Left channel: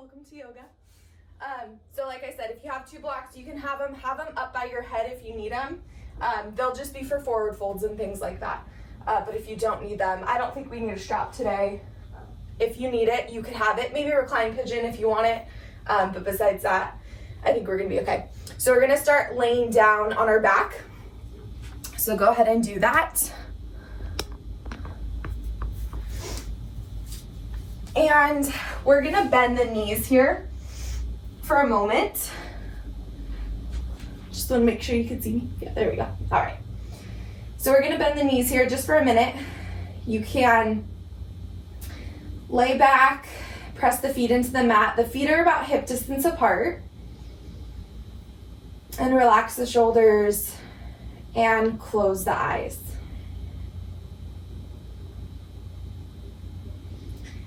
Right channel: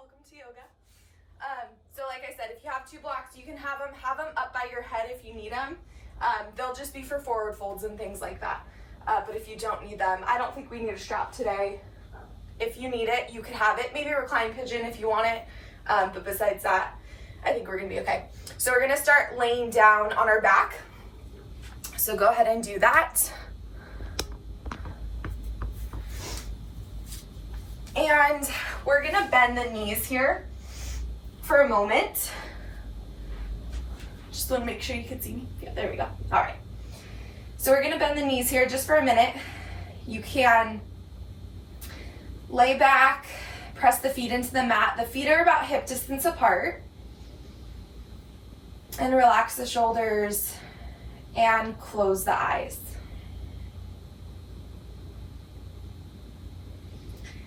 welcome to yoga. So like I said, if you have two blocks, you can have them up by your head if you need them. They'll just be for forward folds and things like that. But if you don't need them, I don't think we need a strap today. If you need it, you could have it. Maybe a reclined pigeon if you want it. But besides that, I think we're gonna be okay. So we're gonna start laying down on our back. So go ahead and do that. And we're gonna bend the knees here for a moment. Just wanna make sure you can see me. Yeah, there we go. All right. So we're gonna bend the knees here just for a minute. You can lay back, press the feet into the mat. The feet are about hip distance apart. And relax the shoulders and close the eyes.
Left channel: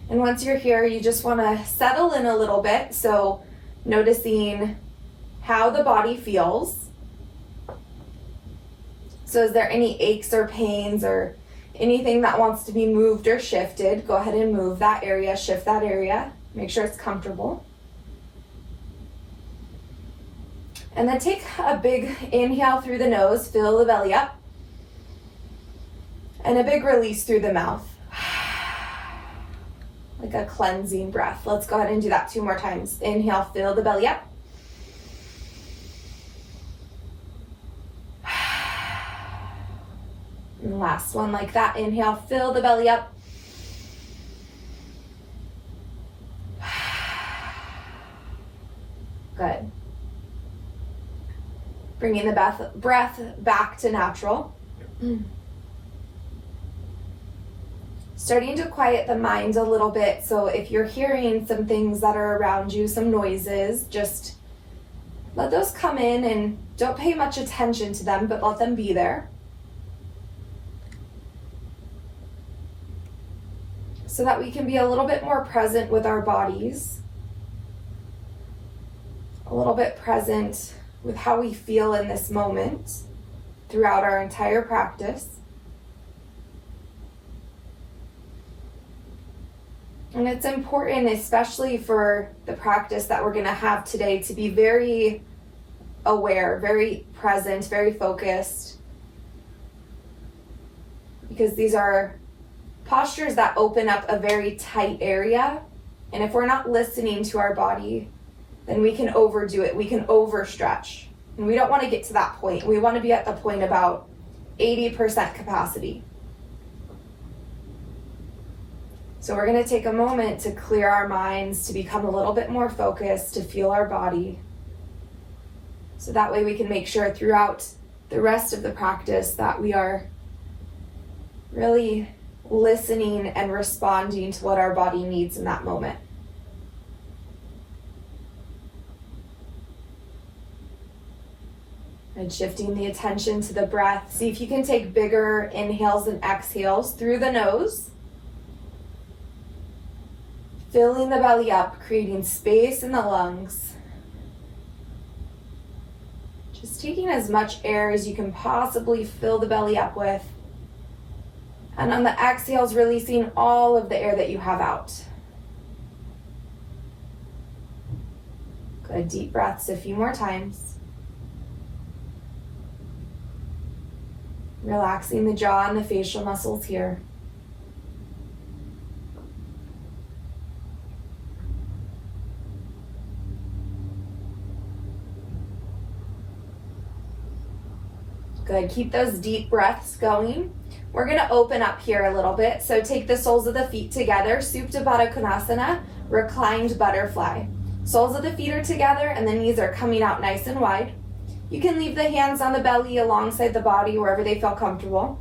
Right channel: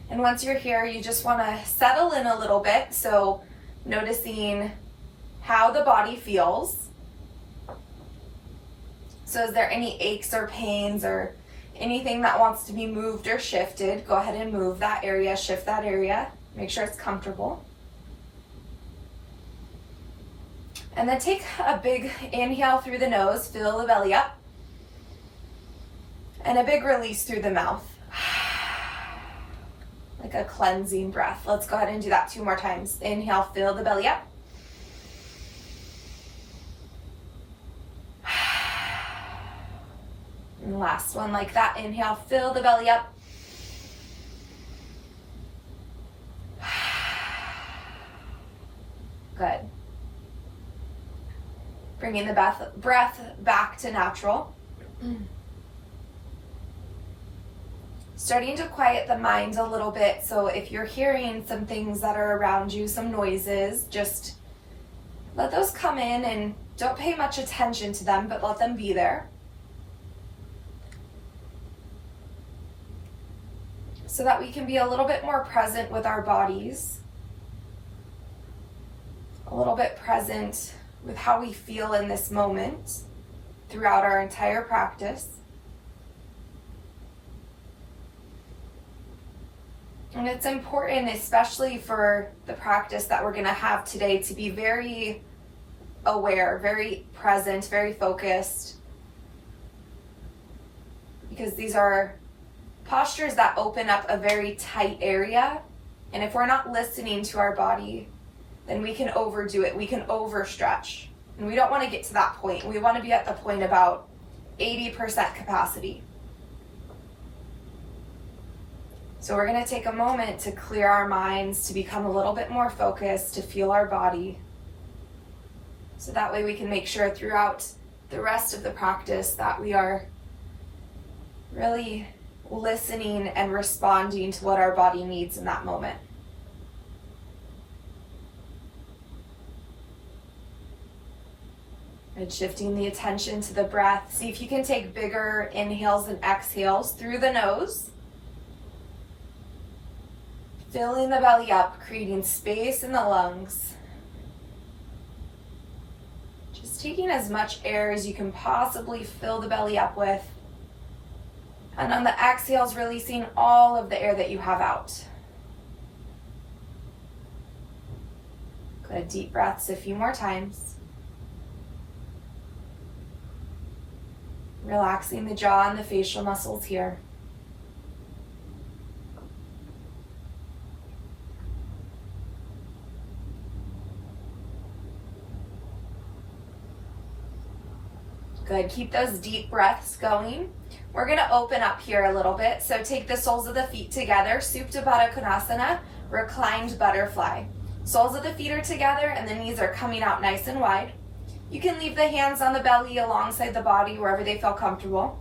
And once you're here, you just want to settle in a little bit. So noticing how the body feels. So is there any aches or pains or anything that wants to be moved or shifted? Go ahead and move that area, shift that area. Make sure it's comfortable. And then take a big inhale through the nose, fill the belly up. And a big release through the mouth. Like a cleansing breath. Let's go ahead and do that 2 more times. Inhale, fill the belly up. And last one like that. Inhale, fill the belly up. Good. Bringing the breath back to natural. Starting to quiet the mind a little bit. So if you're hearing some things that are around you, some noises, just let those come in and don't pay much attention to them, but let them be there. So that we can be a little bit more present with our bodies. A little bit present with how we feel in this moment throughout our entire practice. And it's important, especially for the practice that we're going to have today, to be very aware, very present, very focused. Because these are postures that open up a very tight area. And if we're not listening to our body, then we can overdo it. We can overstretch. And we don't want to get to that point. We want to be at the point about 80% capacity. So we're going to take a moment to clear our minds, to become a little bit more focused, to feel our body. So that way we can make sure throughout the rest of the practice that we are really listening and responding to what our body needs in that moment. And shifting the attention to the breath. See if you can take bigger inhales and exhales through the nose. Filling the belly up, creating space in the lungs. Just taking as much air as you can possibly fill the belly up with. And on the exhales, releasing all of the air that you have out. Good, deep breaths a few more times. Relaxing the jaw and the facial muscles here. Good, keep those deep breaths going. We're gonna open up here a little bit. So take the soles of the feet together, Supta Baddha Konasana, reclined butterfly. Soles of the feet are together and the knees are coming out nice and wide. You can leave the hands on the belly alongside the body wherever they feel comfortable.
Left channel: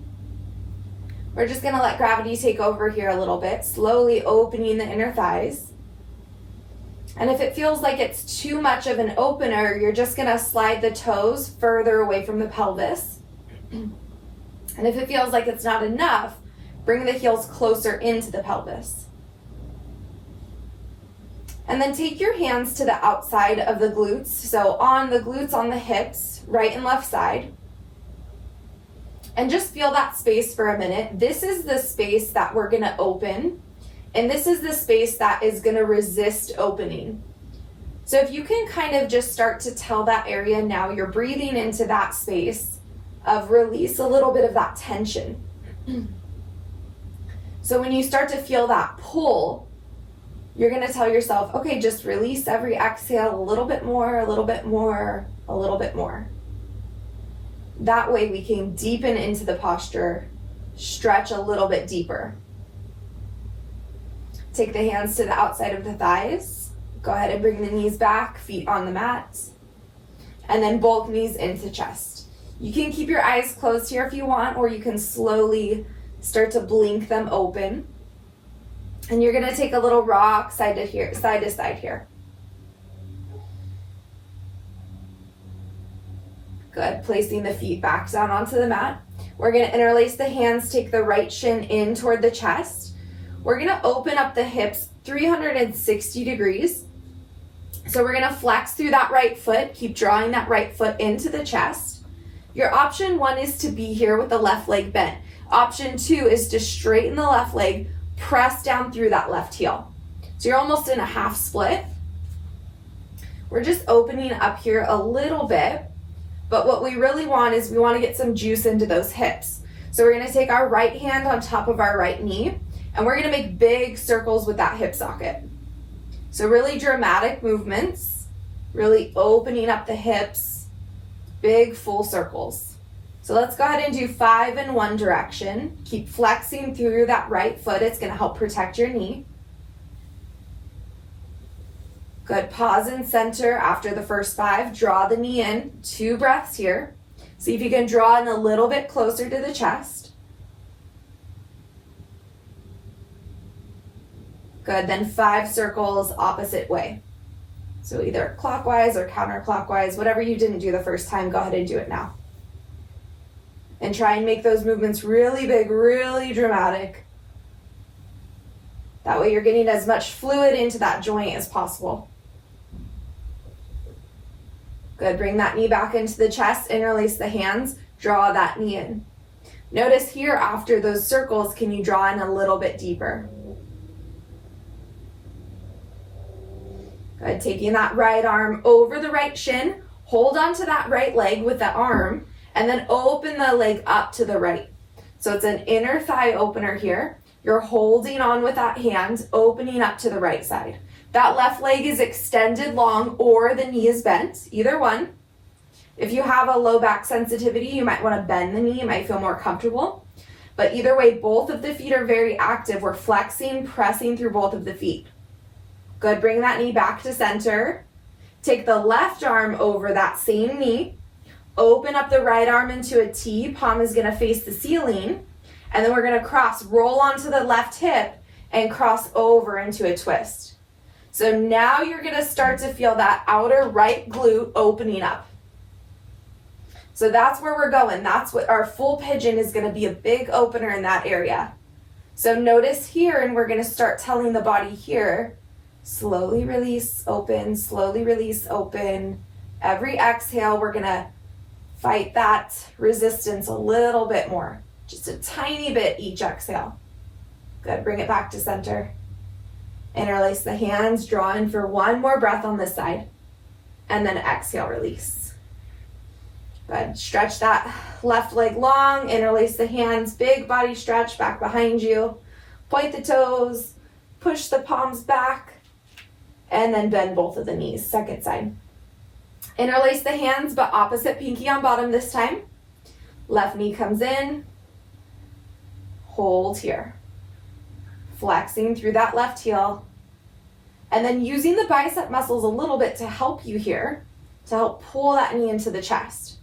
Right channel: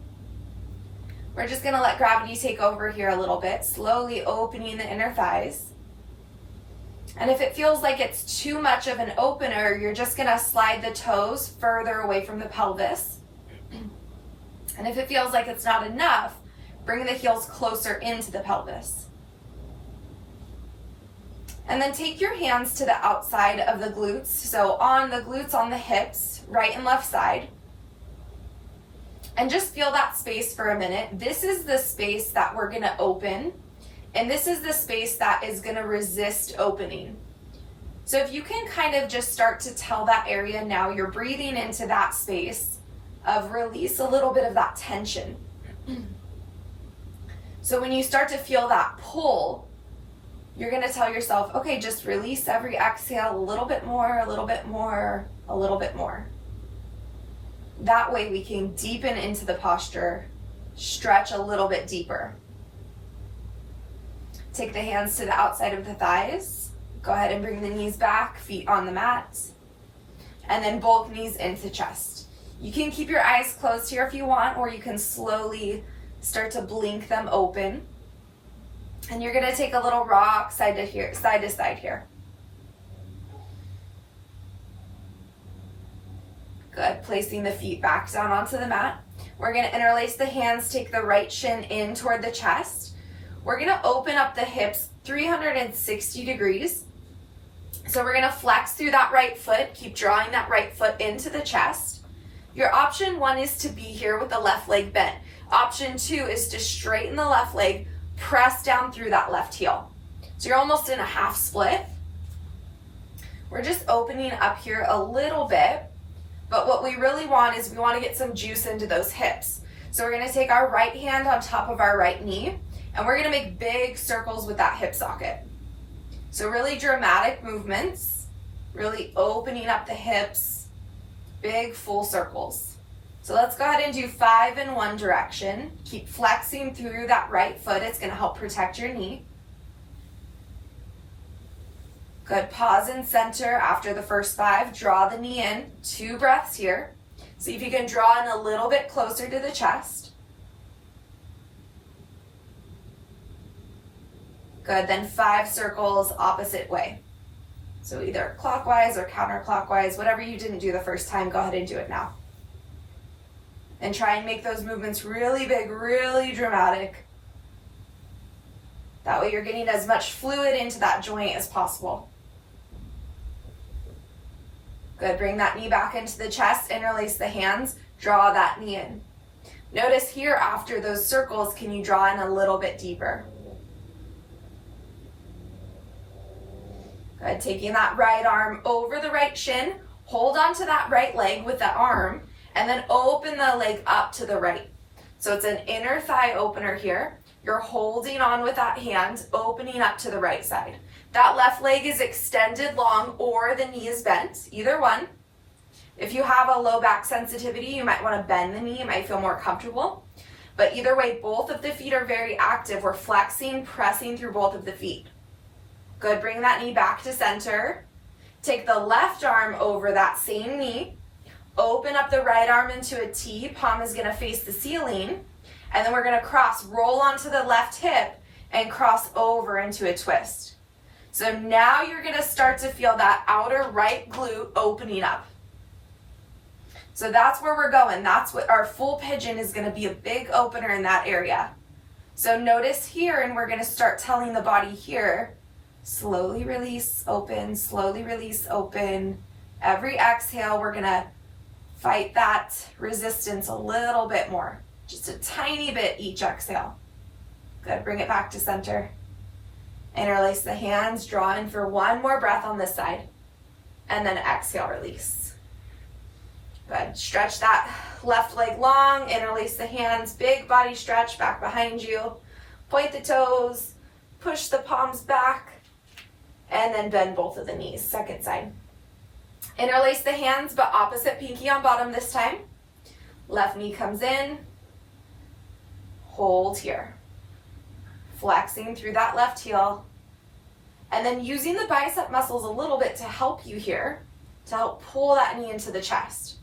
We're just gonna let gravity take over here a little bit, slowly opening the inner thighs. And if it feels like it's too much of an opener, you're just gonna slide the toes further away from the pelvis. And if it feels like it's not enough, bring the heels closer into the pelvis. And then take your hands to the outside of the glutes. So on the glutes, on the hips, right and left side. And just feel that space for a minute. This is the space that we're gonna open. And this is the space that is going to resist opening. So if you can kind of just start to tell that area now, you're breathing into that space of release a little bit of that tension. So when you start to feel that pull, you're going to tell yourself, okay, just release every exhale a little bit more, a little bit more, a little bit more. That way we can deepen into the posture, stretch a little bit deeper. Take the hands to the outside of the thighs. Go ahead and bring the knees back, feet on the mat. And then both knees into chest. You can keep your eyes closed here if you want, or you can slowly start to blink them open. And you're going to take a little rock side to side here. Good. Placing the feet back down onto the mat. We're going to interlace the hands, take the right shin in toward the chest. We're going to open up the hips 360 degrees. So we're going to flex through that right foot, keep drawing that right foot into the chest. Your option 1 is to be here with the left leg bent. Option 2 is to straighten the left leg, press down through that left heel. So you're almost in a half split. We're just opening up here a little bit, but what we really want is we want to get some juice into those hips. So we're going to take our right hand on top of our right knee, and we're going to make big circles with that hip socket. So really dramatic movements, really opening up the hips, big full circles. So let's go ahead and do 5 in one direction. Keep flexing through that right foot. It's going to help protect your knee. Good. Pause and center after the first 5. Draw the knee in. 2 breaths here. See if you can draw in a little bit closer to the chest. Good. Then 5 circles opposite way. So either clockwise or counterclockwise, whatever you didn't do the first time, go ahead and do it now. And try and make those movements really big, really dramatic. That way you're getting as much fluid into that joint as possible. Good. Bring that knee back into the chest, interlace the hands, draw that knee in. Notice here after those circles, can you draw in a little bit deeper? Good. Taking that right arm over the right shin, hold onto that right leg with the arm, and then open the leg up to the right. So it's an inner thigh opener here. You're holding on with that hand, opening up to the right side. That left leg is extended long or the knee is bent, either one. If you have a low back sensitivity, you might want to bend the knee, you might feel more comfortable. But either way, both of the feet are very active. We're flexing, pressing through both of the feet. Good, bring that knee back to center. Take the left arm over that same knee. Open up the right arm into a T. Palm is going to face the ceiling. And then we're going to cross, roll onto the left hip and cross over into a twist. So now you're going to start to feel that outer right glute opening up. So that's where we're going. That's what our full pigeon is going to be, a big opener in that area. So notice here, and we're going to start telling the body here, slowly release, open, slowly release, open. Every exhale, we're going to fight that resistance a little bit more. Just a tiny bit each exhale. Good, bring it back to center. Interlace the hands, draw in for 1 more breath on this side. And then exhale, release. Good, stretch that left leg long, interlace the hands, big body stretch back behind you. Point the toes, push the palms back, and then bend both of the knees, second side. Interlace the hands, but opposite pinky on bottom this time. Left knee comes in. Hold here. Flexing through that left heel. And then using the bicep muscles a little bit to help you here, to help pull that knee into the chest.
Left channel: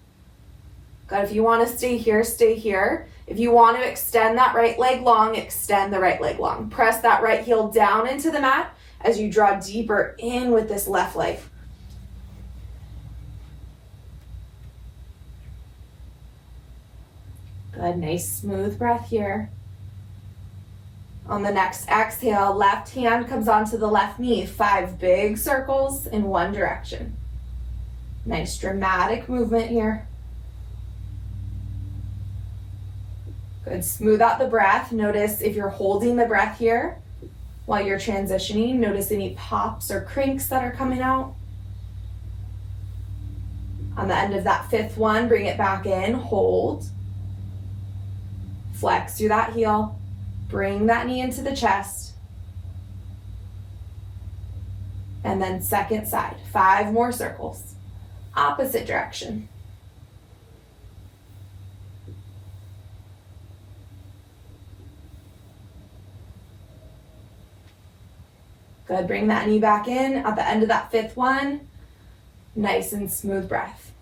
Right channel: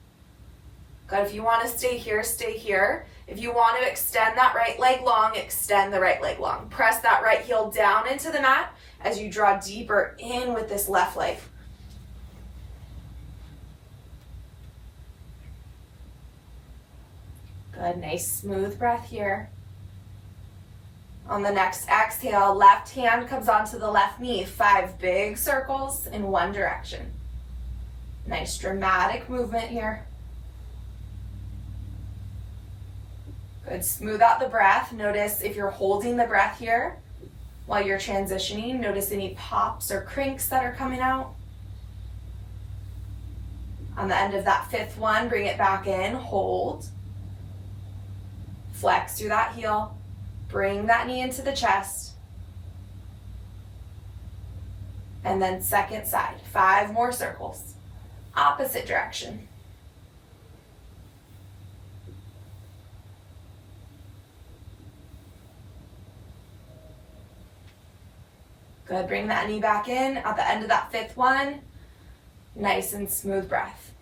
Good, if you want to stay here, stay here. If you want to extend that right leg long, extend the right leg long. Press that right heel down into the mat as you draw deeper in with this left leg. Good, nice smooth breath here. On the next exhale, left hand comes onto the left knee. 5 big circles in one direction. Nice dramatic movement here. Good, smooth out the breath. Notice if you're holding the breath here, while you're transitioning. Notice any pops or crinks that are coming out. On the end of that fifth one, bring it back in, hold. Flex through that heel. Bring that knee into the chest. And then second side, 5 more circles. Opposite direction. Good, bring that knee back in at the end of that fifth one. Nice and smooth breath.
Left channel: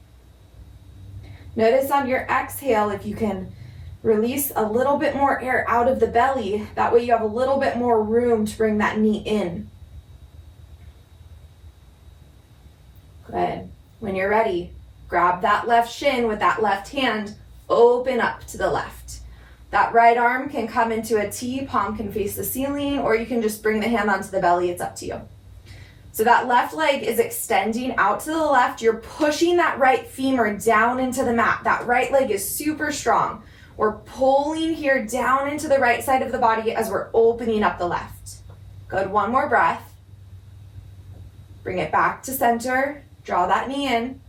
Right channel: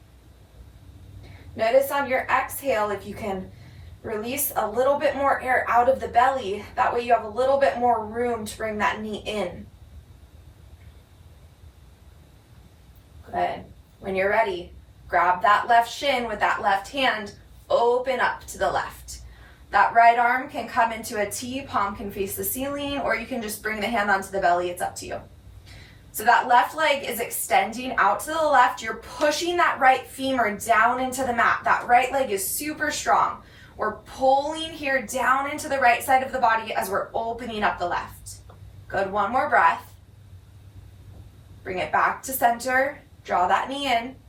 Notice on your exhale if you can release a little bit more air out of the belly. That way you have a little bit more room to bring that knee in. Good. When you're ready, grab that left shin with that left hand, open up to the left. That right arm can come into a T, palm can face the ceiling, or you can just bring the hand onto the belly, it's up to you. So that left leg is extending out to the left. You're pushing that right femur down into the mat. That right leg is super strong. We're pulling here down into the right side of the body as we're opening up the left. Good, one more breath. Bring it back to center. Draw that knee in.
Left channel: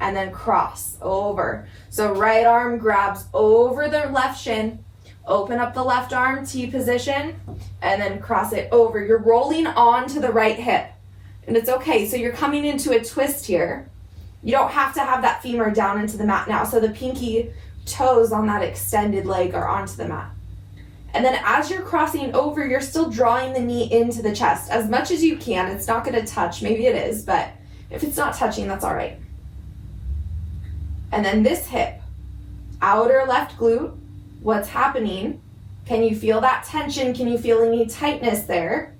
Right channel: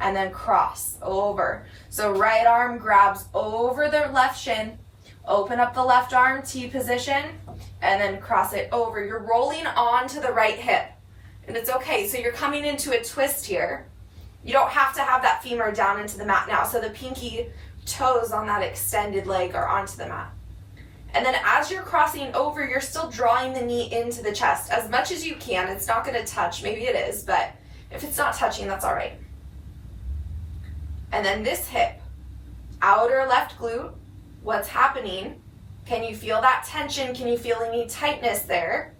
And then cross over. So right arm grabs over the left shin. Open up the left arm, T position, and then cross it over. You're rolling onto the right hip. And it's okay. So you're coming into a twist here. You don't have to have that femur down into the mat now. So the pinky toes on that extended leg are onto the mat. And then as you're crossing over, you're still drawing the knee into the chest as much as you can. It's not going to touch. Maybe it is, but if it's not touching, that's all right. And then this hip, outer left glute, what's happening? Can you feel that tension? Can you feel any tightness there?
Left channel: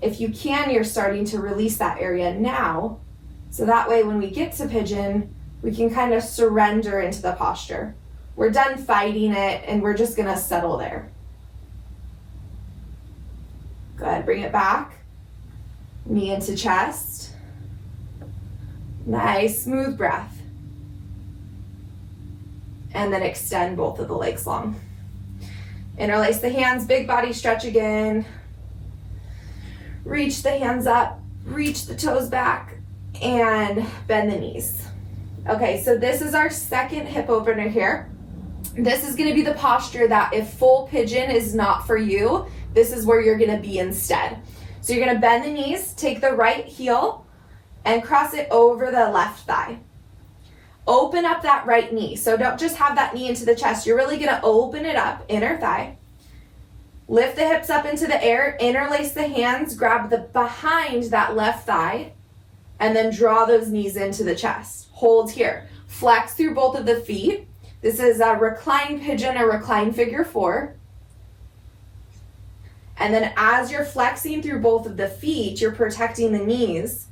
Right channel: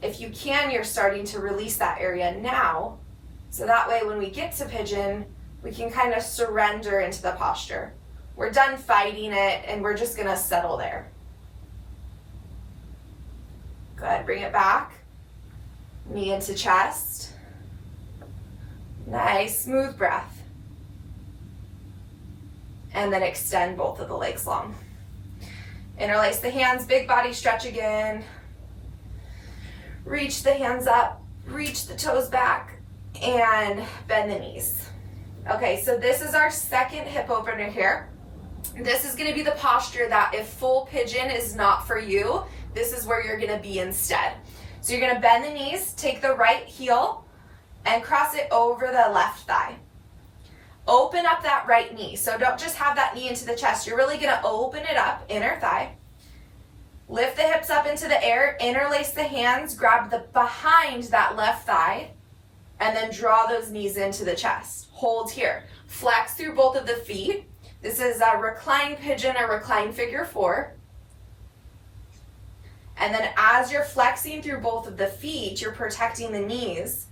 If you can, you're starting to release that area now. So that way when we get to pigeon, we can kind of surrender into the posture. We're done fighting it and we're just gonna settle there. Good, bring it back. Knee into chest. Nice, smooth breath. And then extend both of the legs long. Interlace the hands, big body stretch again. Reach the hands up, reach the toes back, and bend the knees. Okay, so this is our second hip opener here. This is gonna be the posture that if full pigeon is not for you, this is where you're gonna be instead. So you're gonna bend the knees, take the right heel, and cross it over the left thigh. Open up that right knee. So don't just have that knee into the chest. You're really gonna open it up, inner thigh. Lift the hips up into the air, interlace the hands, grab the behind that left thigh, and then draw those knees into the chest. Hold here. Flex through both of the feet. This is a reclined pigeon or reclined figure 4. And then as you're flexing through both of the feet, you're protecting the knees.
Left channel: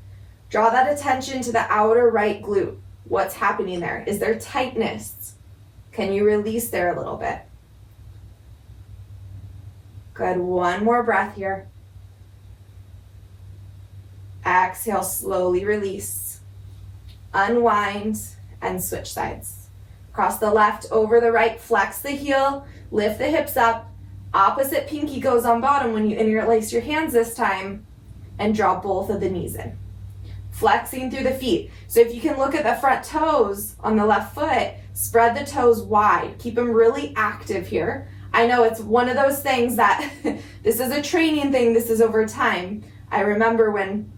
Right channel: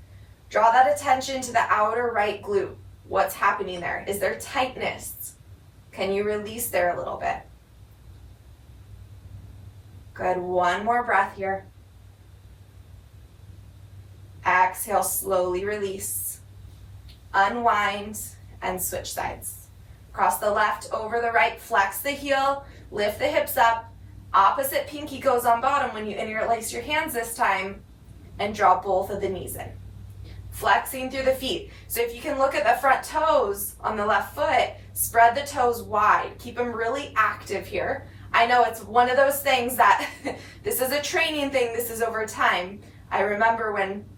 Draw that attention to the outer right glute. What's happening there? Is there tightness? Can you release there a little bit? Good, one more breath here. Exhale, slowly release. Unwind and switch sides. Cross the left over the right, flex the heel, lift the hips up. Opposite pinky goes on bottom when you interlace your hands this time and draw both of the knees in. Flexing through the feet. So if you can look at the front toes on the left foot, spread the toes wide. Keep them really active here. I know it's one of those things that this is a training thing. This is over time. I remember when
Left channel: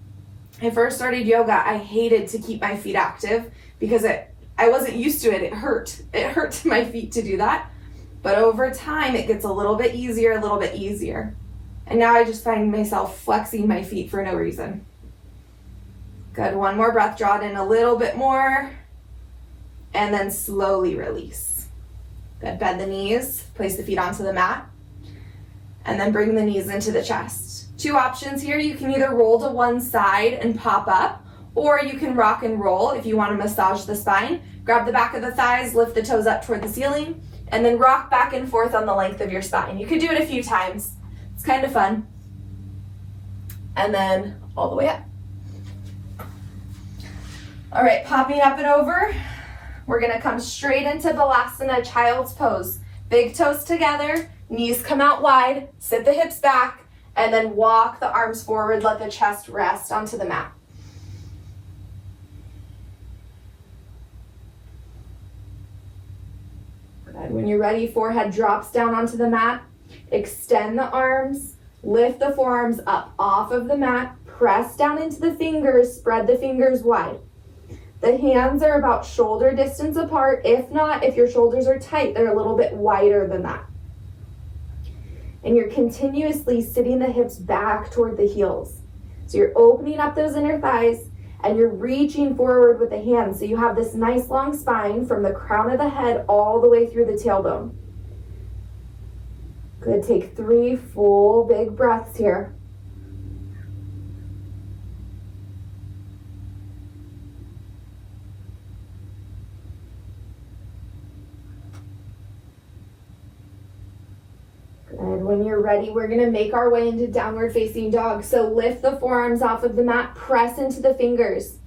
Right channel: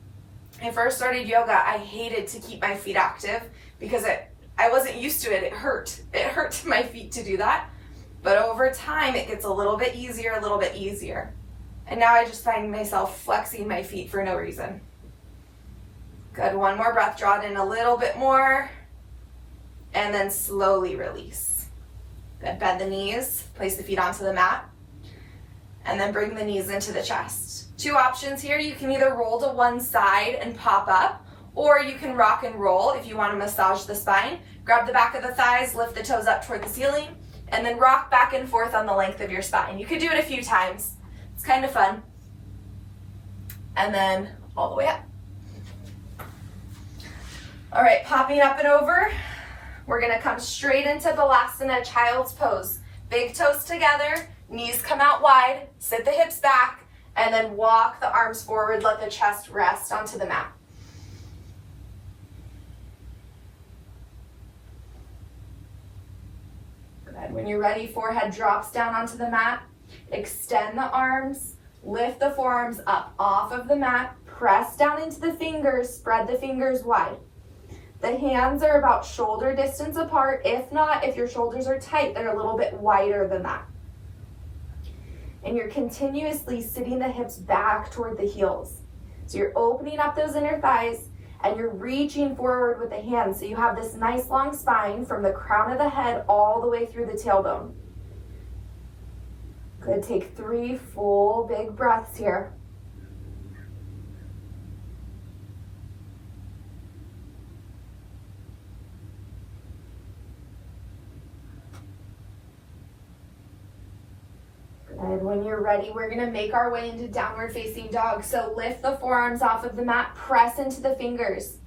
I first started yoga, I hated to keep my feet active because I wasn't used to it. It hurt. It hurt to my feet to do that. But over time, it gets a little bit easier. And now I just find myself flexing my feet for no reason. Good, one more breath, draw it in a little bit more, and then slowly release. Good, bend the knees, place the feet onto the mat, and then bring the knees into the chest. 2 options here, you can either roll to one side and pop up, or you can rock and roll if you want to massage the spine. Grab the back of the thighs, lift the toes up toward the ceiling, and then rock back and forth on the length of your spine. You could do it a few times. It's kind of fun. And then all the way up. All right, popping up and over. We're gonna come straight into Balasana, child's pose. Big toes together, Knees come out wide, sit the hips back, and then walk the arms forward, let the chest rest onto the mat. Good. When you're ready, forehead drops down onto the mat. Extend the arms, lift the forearms up off of the mat, press down into the fingers, spread the fingers wide. The hands are about shoulder distance apart. If not, if your shoulders are tight, they're a little bit wider than that. And you're continuously sitting the hips back toward the heels. So you're opening up those inner thighs and you're reaching forward with the hands. So you have this nice long spine from the crown of the head all the way through the tailbone. Good, take 3 full big breaths here. Good, when you're ready, we're gonna make our way into downward facing dog. So lift the forearms off of the mat, press into the fingers.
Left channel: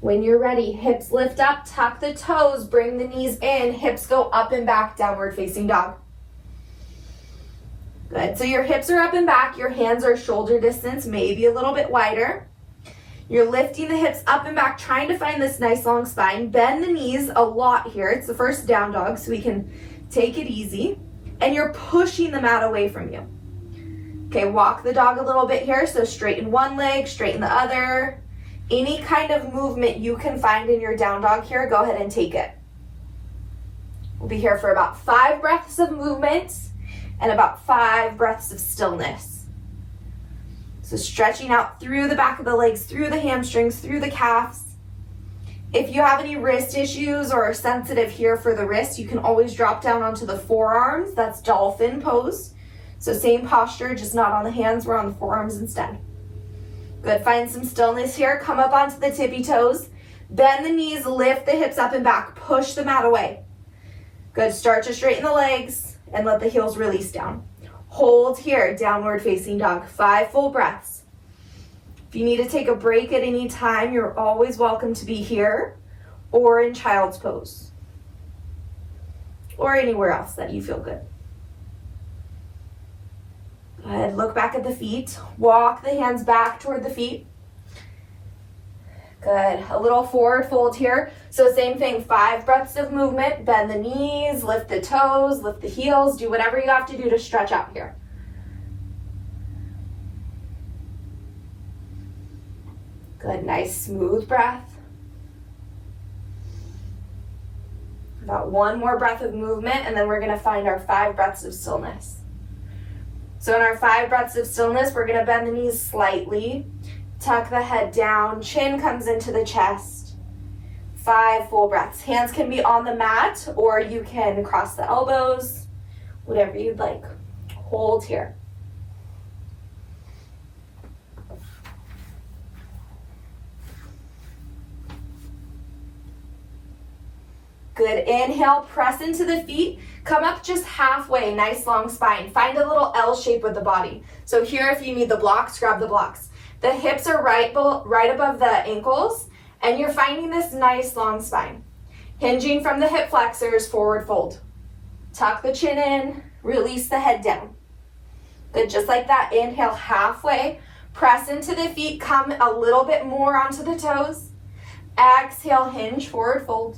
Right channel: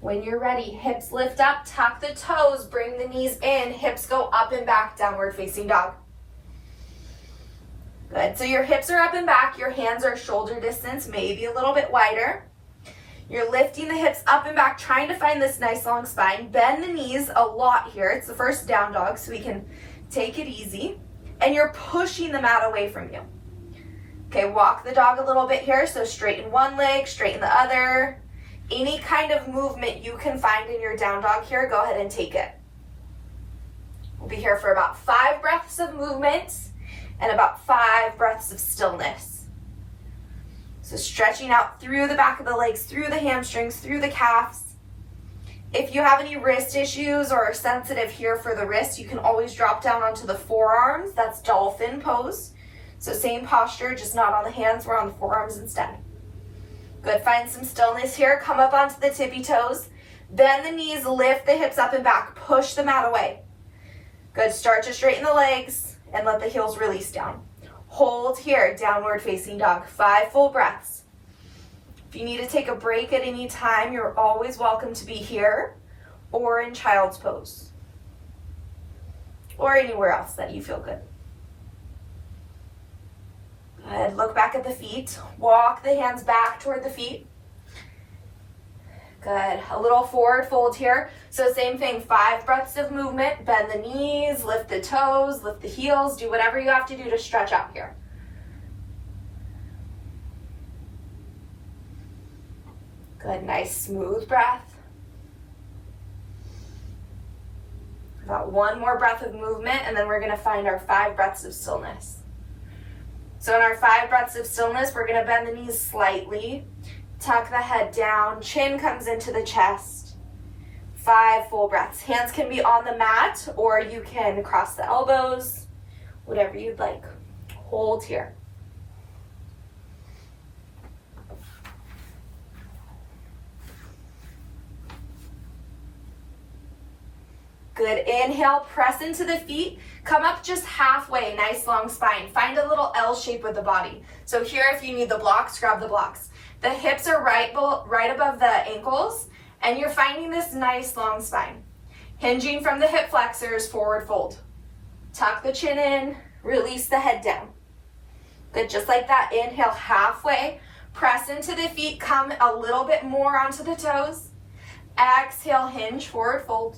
When you're ready, hips lift up, tuck the toes, bring the knees in, hips go up and back, downward facing dog. Good, so your hips are up and back, your hands are shoulder distance, maybe a little bit wider. You're lifting the hips up and back, trying to find this nice long spine. Bend the knees a lot here. It's the first down dog, so we can take it easy. And you're pushing the mat away from you. Okay, walk the dog a little bit here. So straighten one leg, straighten the other. Any kind of movement you can find in your down dog here, go ahead and take it. We'll be here for about 5 breaths of movement and about 5 breaths of stillness. So stretching out through the back of the legs, through the hamstrings, through the calves. If you have any wrist issues or are sensitive here for the wrist, you can always drop down onto the forearms. That's dolphin pose. So same posture, just not on the hands, we're on the forearms instead. Good, find some stillness here. Come up onto the tippy toes. Bend the knees, lift the hips up and back, push the mat away. Good, start to straighten the legs and let the heels release down. Hold here, downward facing dog, 5 full breaths. If you need to take a break at any time, you're always welcome to be here or in child's pose or anywhere else that you feel good. Good, look back at the feet. Walk the hands back toward the feet. Good, a little forward fold here. So same thing, 5 breaths of movement. Bend the knees, lift the toes, lift the heels. Do whatever you have to do to stretch out here. Good, nice smooth breath. About 1 more breath of movement and then we're gonna find our 5 breaths of stillness. So in our 5 breaths of stillness, we're gonna bend the knees slightly, tuck the head down, chin comes into the chest. 5 full breaths. Hands can be on the mat or you can cross the elbows, whatever you'd like. Hold here. Good, inhale, press into the feet, come up just halfway, nice long spine. Find a little L shape with the body. So here, if you need the blocks, grab the blocks. The hips are right above the ankles, and you're finding this nice long spine. Hinging from the hip flexors, forward fold. Tuck the chin in, release the head down. Good, just like that, inhale halfway, press into the feet, come a little bit more onto the toes. Exhale, hinge, forward fold.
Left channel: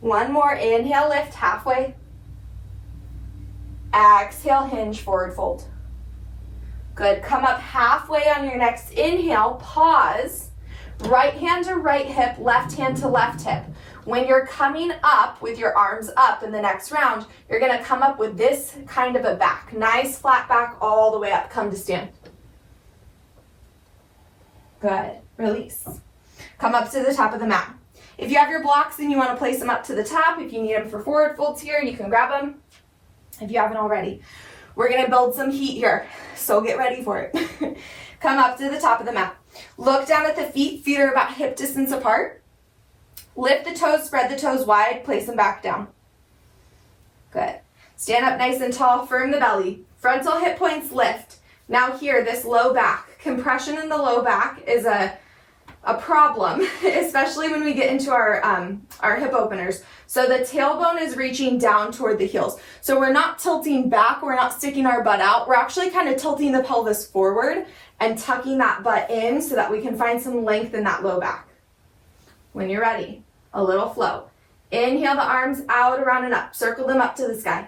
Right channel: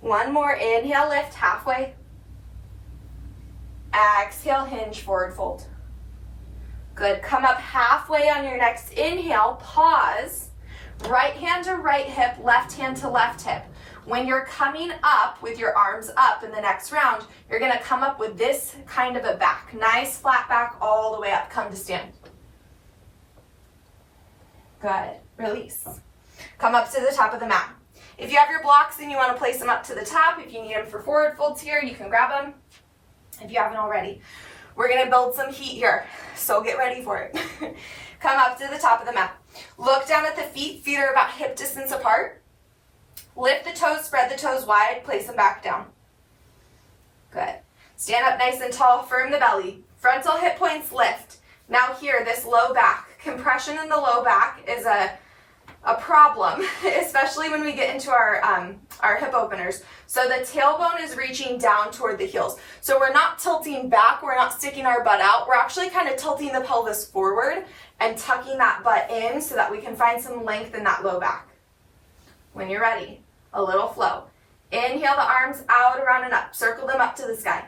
1 more, inhale, lift halfway. Exhale, hinge, forward fold. Good, come up halfway on your next inhale, pause. Right hand to right hip, left hand to left hip. When you're coming up with your arms up in the next round, you're gonna come up with this kind of a back. Nice flat back all the way up, come to stand. Good, release. Come up to the top of the mat. If you have your blocks and you want to place them up to the top, if you need them for forward folds here, you can grab them if you haven't already. We're going to build some heat here, so get ready for it. Come up to the top of the mat. Look down at the feet. Feet are about hip distance apart. Lift the toes, spread the toes wide, place them back down. Good. Stand up nice and tall, firm the belly. Frontal hip points lift. Now here, this low back. Compression in the low back is a a problem, especially when we get into our hip openers. So the tailbone is reaching down toward the heels. So we're not tilting back, we're not sticking our butt out, we're actually kind of tilting the pelvis forward and tucking that butt in so that we can find some length in that low back. When you're ready, a little flow. Inhale the arms out, around and up. Circle them up to the sky.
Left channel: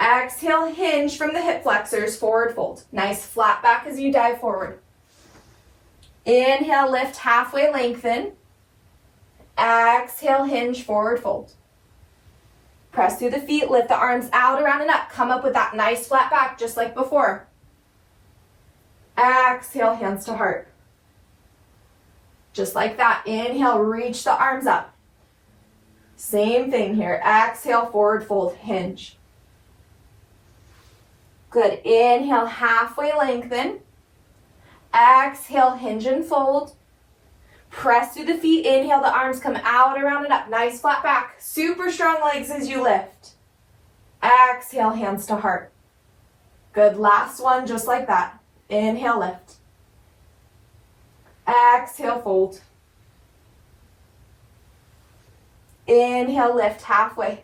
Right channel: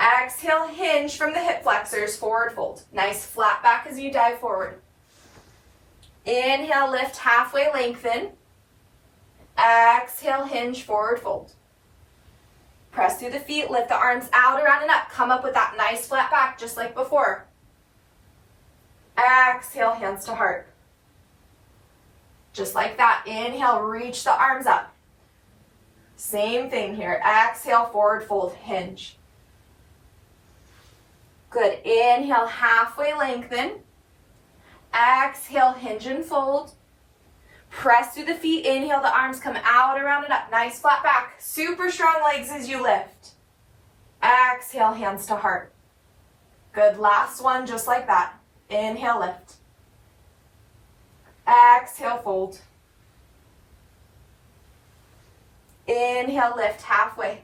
Exhale, hinge from the hip flexors, forward fold. Nice flat back as you dive forward. Inhale, lift, halfway lengthen. Exhale, hinge, forward fold. Press through the feet, lift the arms out, around and up. Come up with that nice flat back just like before. Exhale, hands to heart. Just like that. Inhale, reach the arms up. Same thing here. Exhale, forward fold, hinge. Good. Inhale, halfway lengthen. Exhale, hinge and fold. Press through the feet. Inhale, the arms come out, around and up. Nice flat back. Super strong legs as you lift. Exhale, hands to heart. Good. Last one, just like that. Inhale, lift. Exhale, fold. Inhale, lift halfway.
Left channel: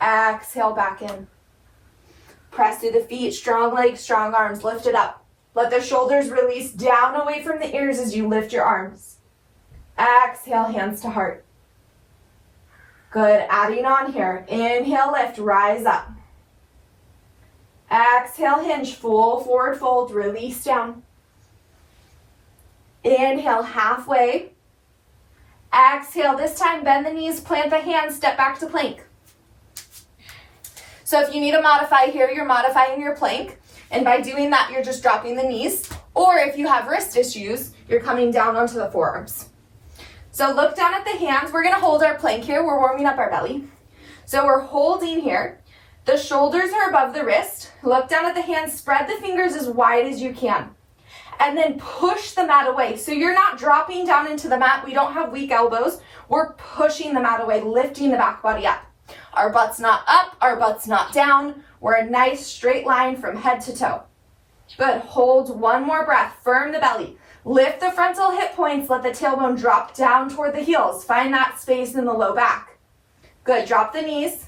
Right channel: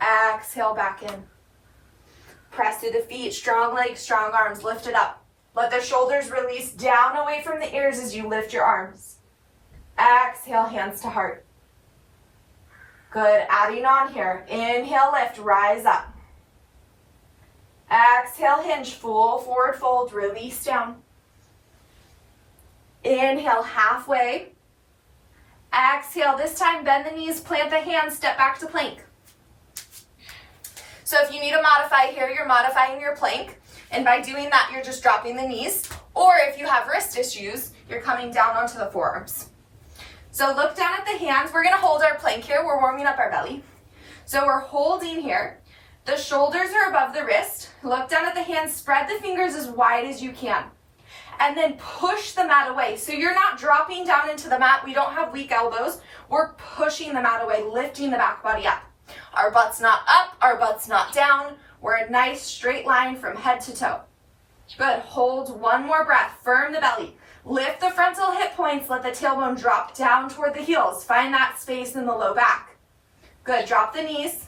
Exhale, back in. Press through the feet, strong legs, strong arms. Lift it up. Let the shoulders release down away from the ears as you lift your arms. Exhale, hands to heart. Good. Adding on here. Inhale, lift, rise up. Exhale, hinge, full forward fold, release down. Inhale, halfway. Exhale, this time bend the knees, plant the hands, step back to plank. So if you need to modify here, you're modifying your plank. And by doing that, you're just dropping the knees. Or if you have wrist issues, you're coming down onto the forearms. So look down at the hands. We're gonna hold our plank here. We're warming up our belly. So we're holding here. The shoulders are above the wrist. Look down at the hands. Spread the fingers as wide as you can. And then push the mat away. So you're not dropping down into the mat. We don't have weak elbows. We're pushing the mat away, lifting the back body up. Our butt's not up, our butt's not down. We're a nice straight line from head to toe. Good, hold one more breath, firm the belly. Lift the frontal hip points, let the tailbone drop down toward the heels. Find that space in the low back. Good, drop the knees.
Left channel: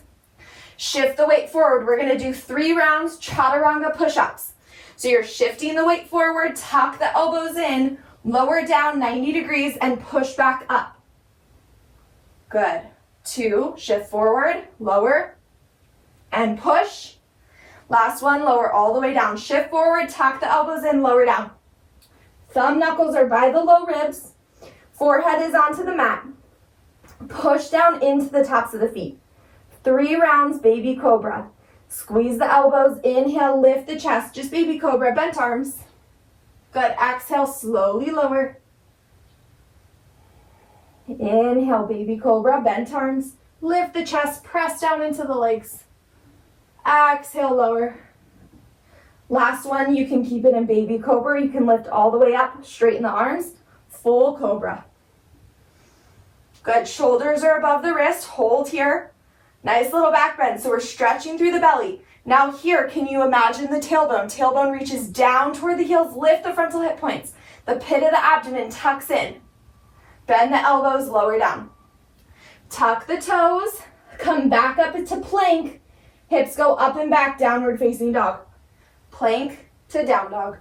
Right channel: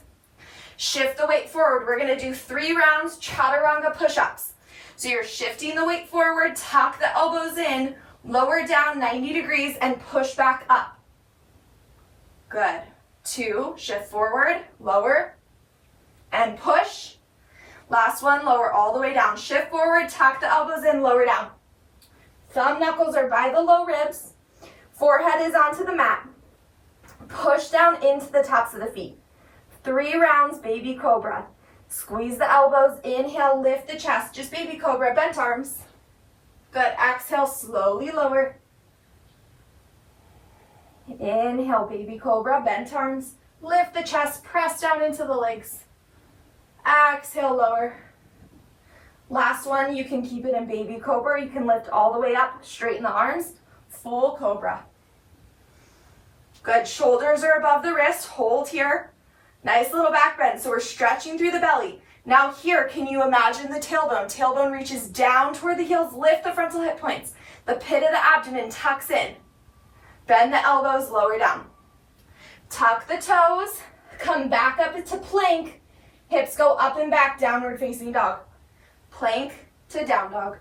Shift the weight forward. We're gonna do 3 rounds chaturanga push-ups. So you're shifting the weight forward, tuck the elbows in, lower down 90 degrees and push back up. Good. 2, shift forward, lower, and push. Last one, lower all the way down. Shift forward, tuck the elbows in, lower down. Thumb knuckles are by the low ribs. Forehead is onto the mat. Push down into the tops of the feet. 3 rounds, baby cobra. Squeeze the elbows, inhale, lift the chest. Just baby cobra, bent arms. Good, exhale, slowly lower. Inhale, baby cobra, bent arms. Lift the chest, press down into the legs. Exhale, lower. Last one, you can keep it in baby cobra. You can lift all the way up, straighten the arms. Full cobra. Good, shoulders are above the wrist. Hold here. Nice little back bend. So we're stretching through the belly. Now here, can you imagine the tailbone? Tailbone reaches down toward the heels. Lift the frontal hip points. The pit of the abdomen tucks in. Bend the elbows, lower down. Tuck the toes, come back up into plank. Hips go up and back, downward facing dog. Plank to down dog.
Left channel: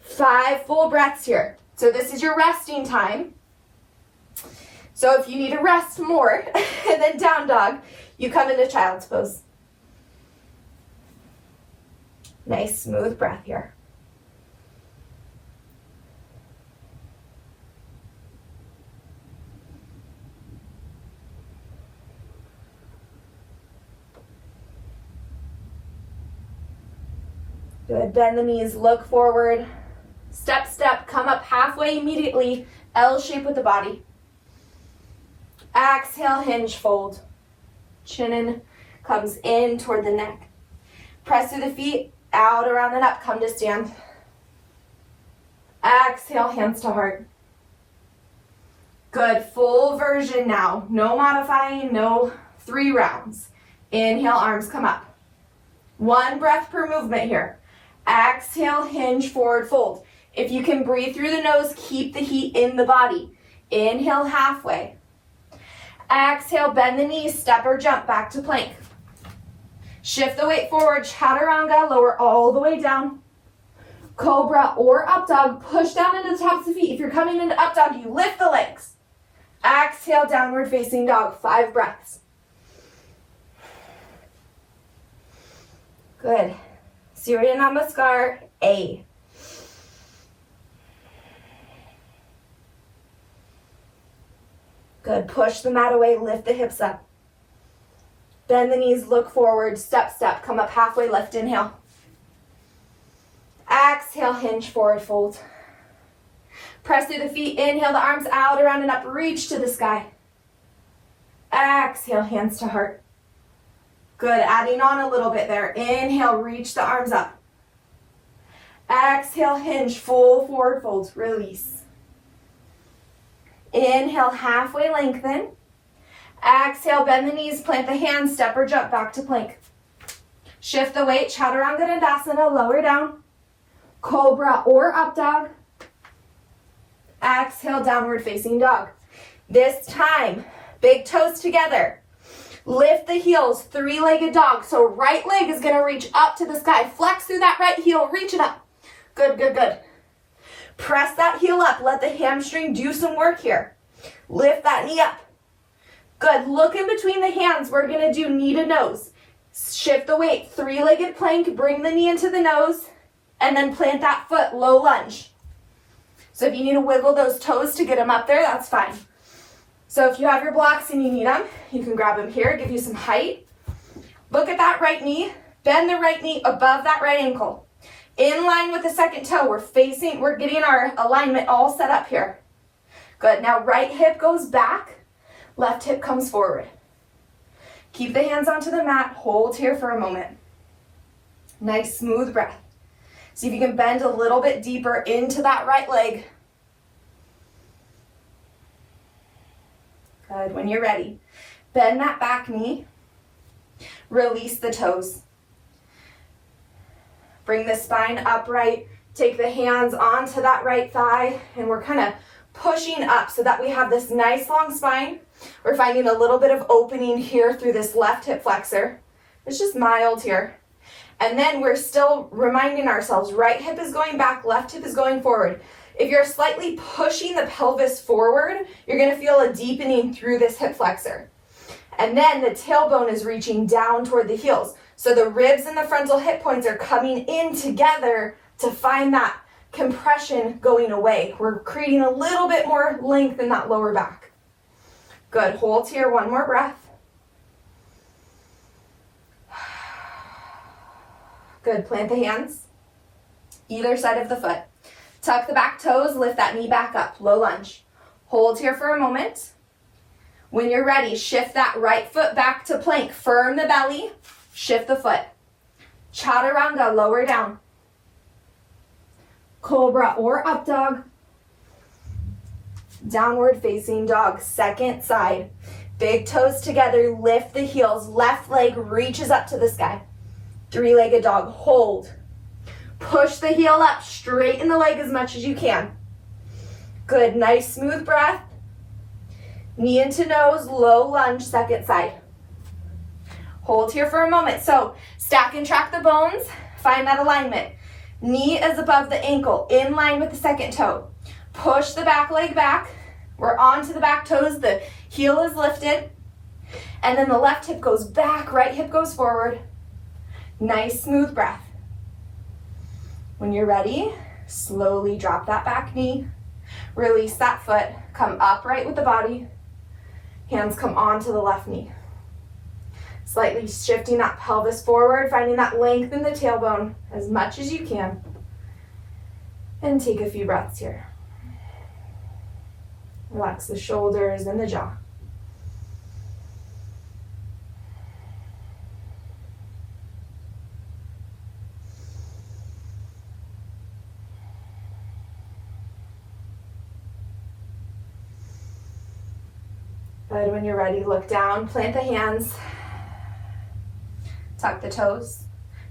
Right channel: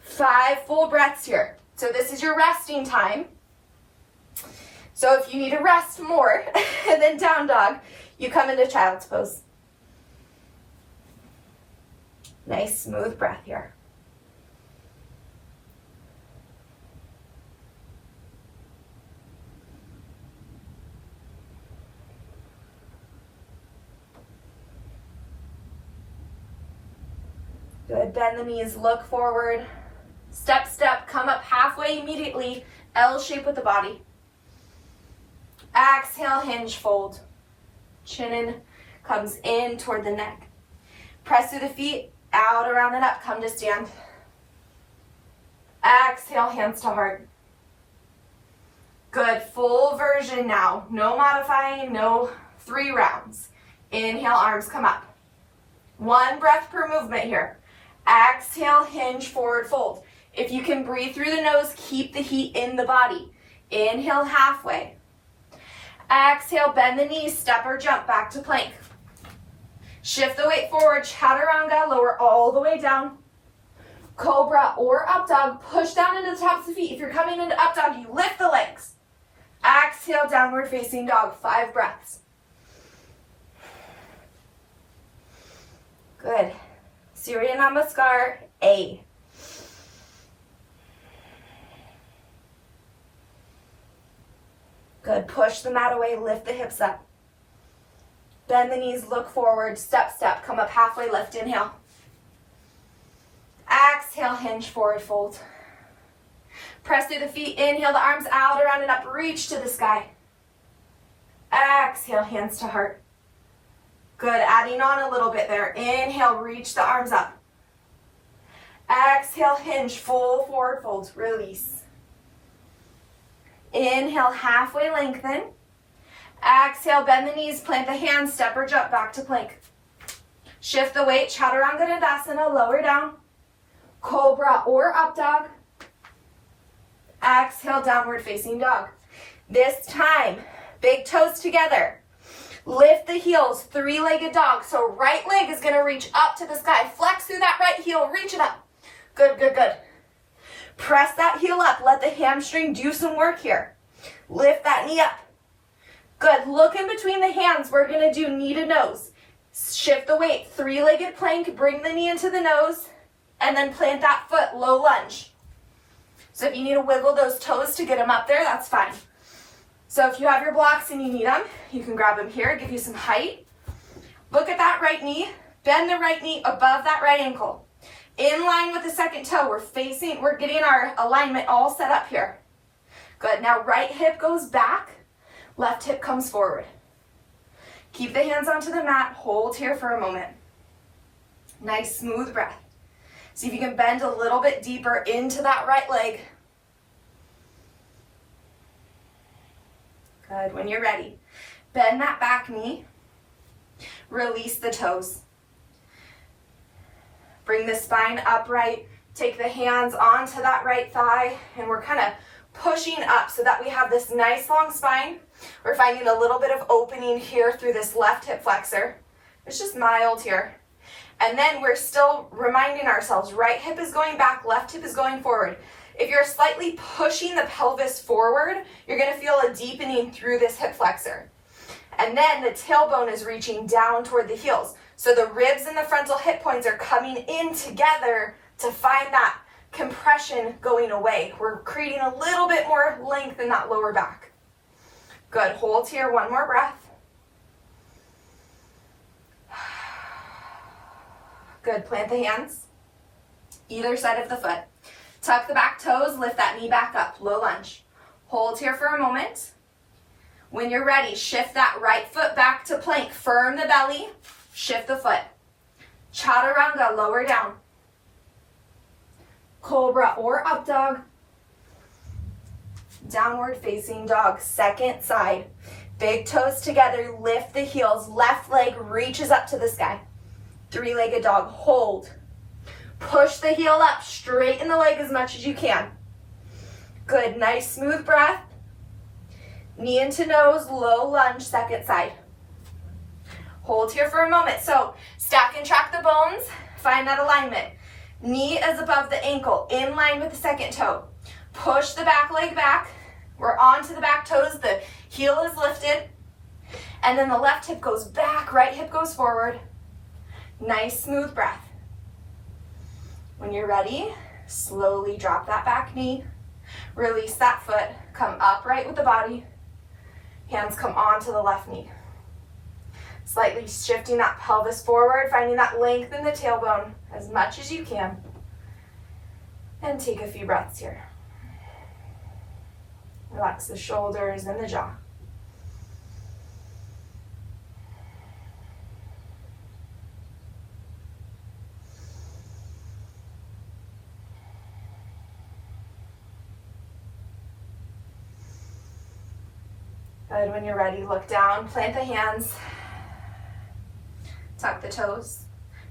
5 full breaths here. So this is your resting time. So if you need to rest more than down dog, you come into child's pose. Nice smooth breath here. Good, bend the knees, look forward. Step, step, come up halfway immediately. L shape with the body. Exhale, hinge, fold. Chin in, comes in toward the neck. Press through the feet, out, around, and up. Come to stand. Exhale, hands to heart. Good, full version now. No modifying, no 3 rounds. Inhale, arms come up. 1 breath per movement here. Exhale, hinge, forward fold. If you can breathe through the nose, keep the heat in the body. Inhale halfway. Exhale, bend the knees, step or jump back to plank. Shift the weight forward, chaturanga, lower all the way down. Cobra or up dog, push down into the tops of the feet. If you're coming into up dog, you lift the legs. Exhale, downward facing dog, 5 breaths. Good. Surya Namaskar, A. Good, push the mat away, lift the hips up. Bend the knees, look forward, step, step, come up halfway, lift, inhale. Exhale, hinge, forward fold. Press through the feet, inhale the arms out, around and up, reach to the sky. Exhale, hands to heart. Good, adding on a little bit there. Inhale, reach the arms up. Exhale, hinge, full forward fold, release. Inhale, halfway lengthen. Exhale, bend the knees, plant the hands, step or jump back to plank. Shift the weight, chaturanga dandasana, lower down. Cobra or up dog. Exhale, downward facing dog. This time, big toes together. Lift the heels, 3-legged dog. So right leg is gonna reach up to the sky. Flex through that right heel, reach it up. Good, good, good. Press that heel up, let the hamstring do some work here. Lift that knee up. Good, look in between the hands. We're gonna do knee to nose. Shift the weight, 3-legged plank, bring the knee into the nose, and then plant that foot, low lunge. So if you need to wiggle those toes to get them up there, that's fine. So if you have your blocks and you need them, you can grab them here, give you some height. Look at that right knee, bend the right knee above that right ankle. In line with the second toe, we're getting our alignment all set up here. Good, now right hip goes back, left hip comes forward. Keep the hands onto the mat, hold here for a moment. Nice smooth breath. See if you can bend a little bit deeper into that right leg. Good, when you're ready, bend that back knee, release the toes. Bring the spine upright, take the hands onto that right thigh, and we're kind of pushing up so that we have this nice long spine. We're finding a little bit of opening here through this left hip flexor. It's just mild here. And then we're still reminding ourselves, right hip is going back, left hip is going forward. If you're slightly pushing the pelvis forward, you're gonna feel a deepening through this hip flexor. And then the tailbone is reaching down toward the heels. So the ribs and the frontal hip points are coming in together to find that compression going away. We're creating a little bit more length in that lower back. Good, hold here, one more breath. Good, plant the hands, either side of the foot. Tuck the back toes, lift that knee back up, low lunge. Hold here for a moment. When you're ready, shift that right foot back to plank. Firm the belly, shift the foot. Chaturanga, lower down. Cobra or up dog. Downward facing dog, second side. Big toes together, lift the heels. Left leg reaches up to the sky. 3-legged dog, hold. Push the heel up, straighten the leg as much as you can. Good, nice smooth breath. Knee into nose, low lunge, second side. Hold here for a moment. So stack and track the bones, find that alignment. Knee is above the ankle, in line with the second toe. Push the back leg back. We're onto the back toes, the heel is lifted. And then the left hip goes back, right hip goes forward. Nice smooth breath. When you're ready, slowly drop that back knee. Release that foot, come upright with the body. Hands come onto the left knee. Slightly shifting that pelvis forward, finding that length in the tailbone as much as you can. And take a few breaths here. Relax the shoulders and the jaw. Good, when you're ready, look down, plant the hands, tuck the toes,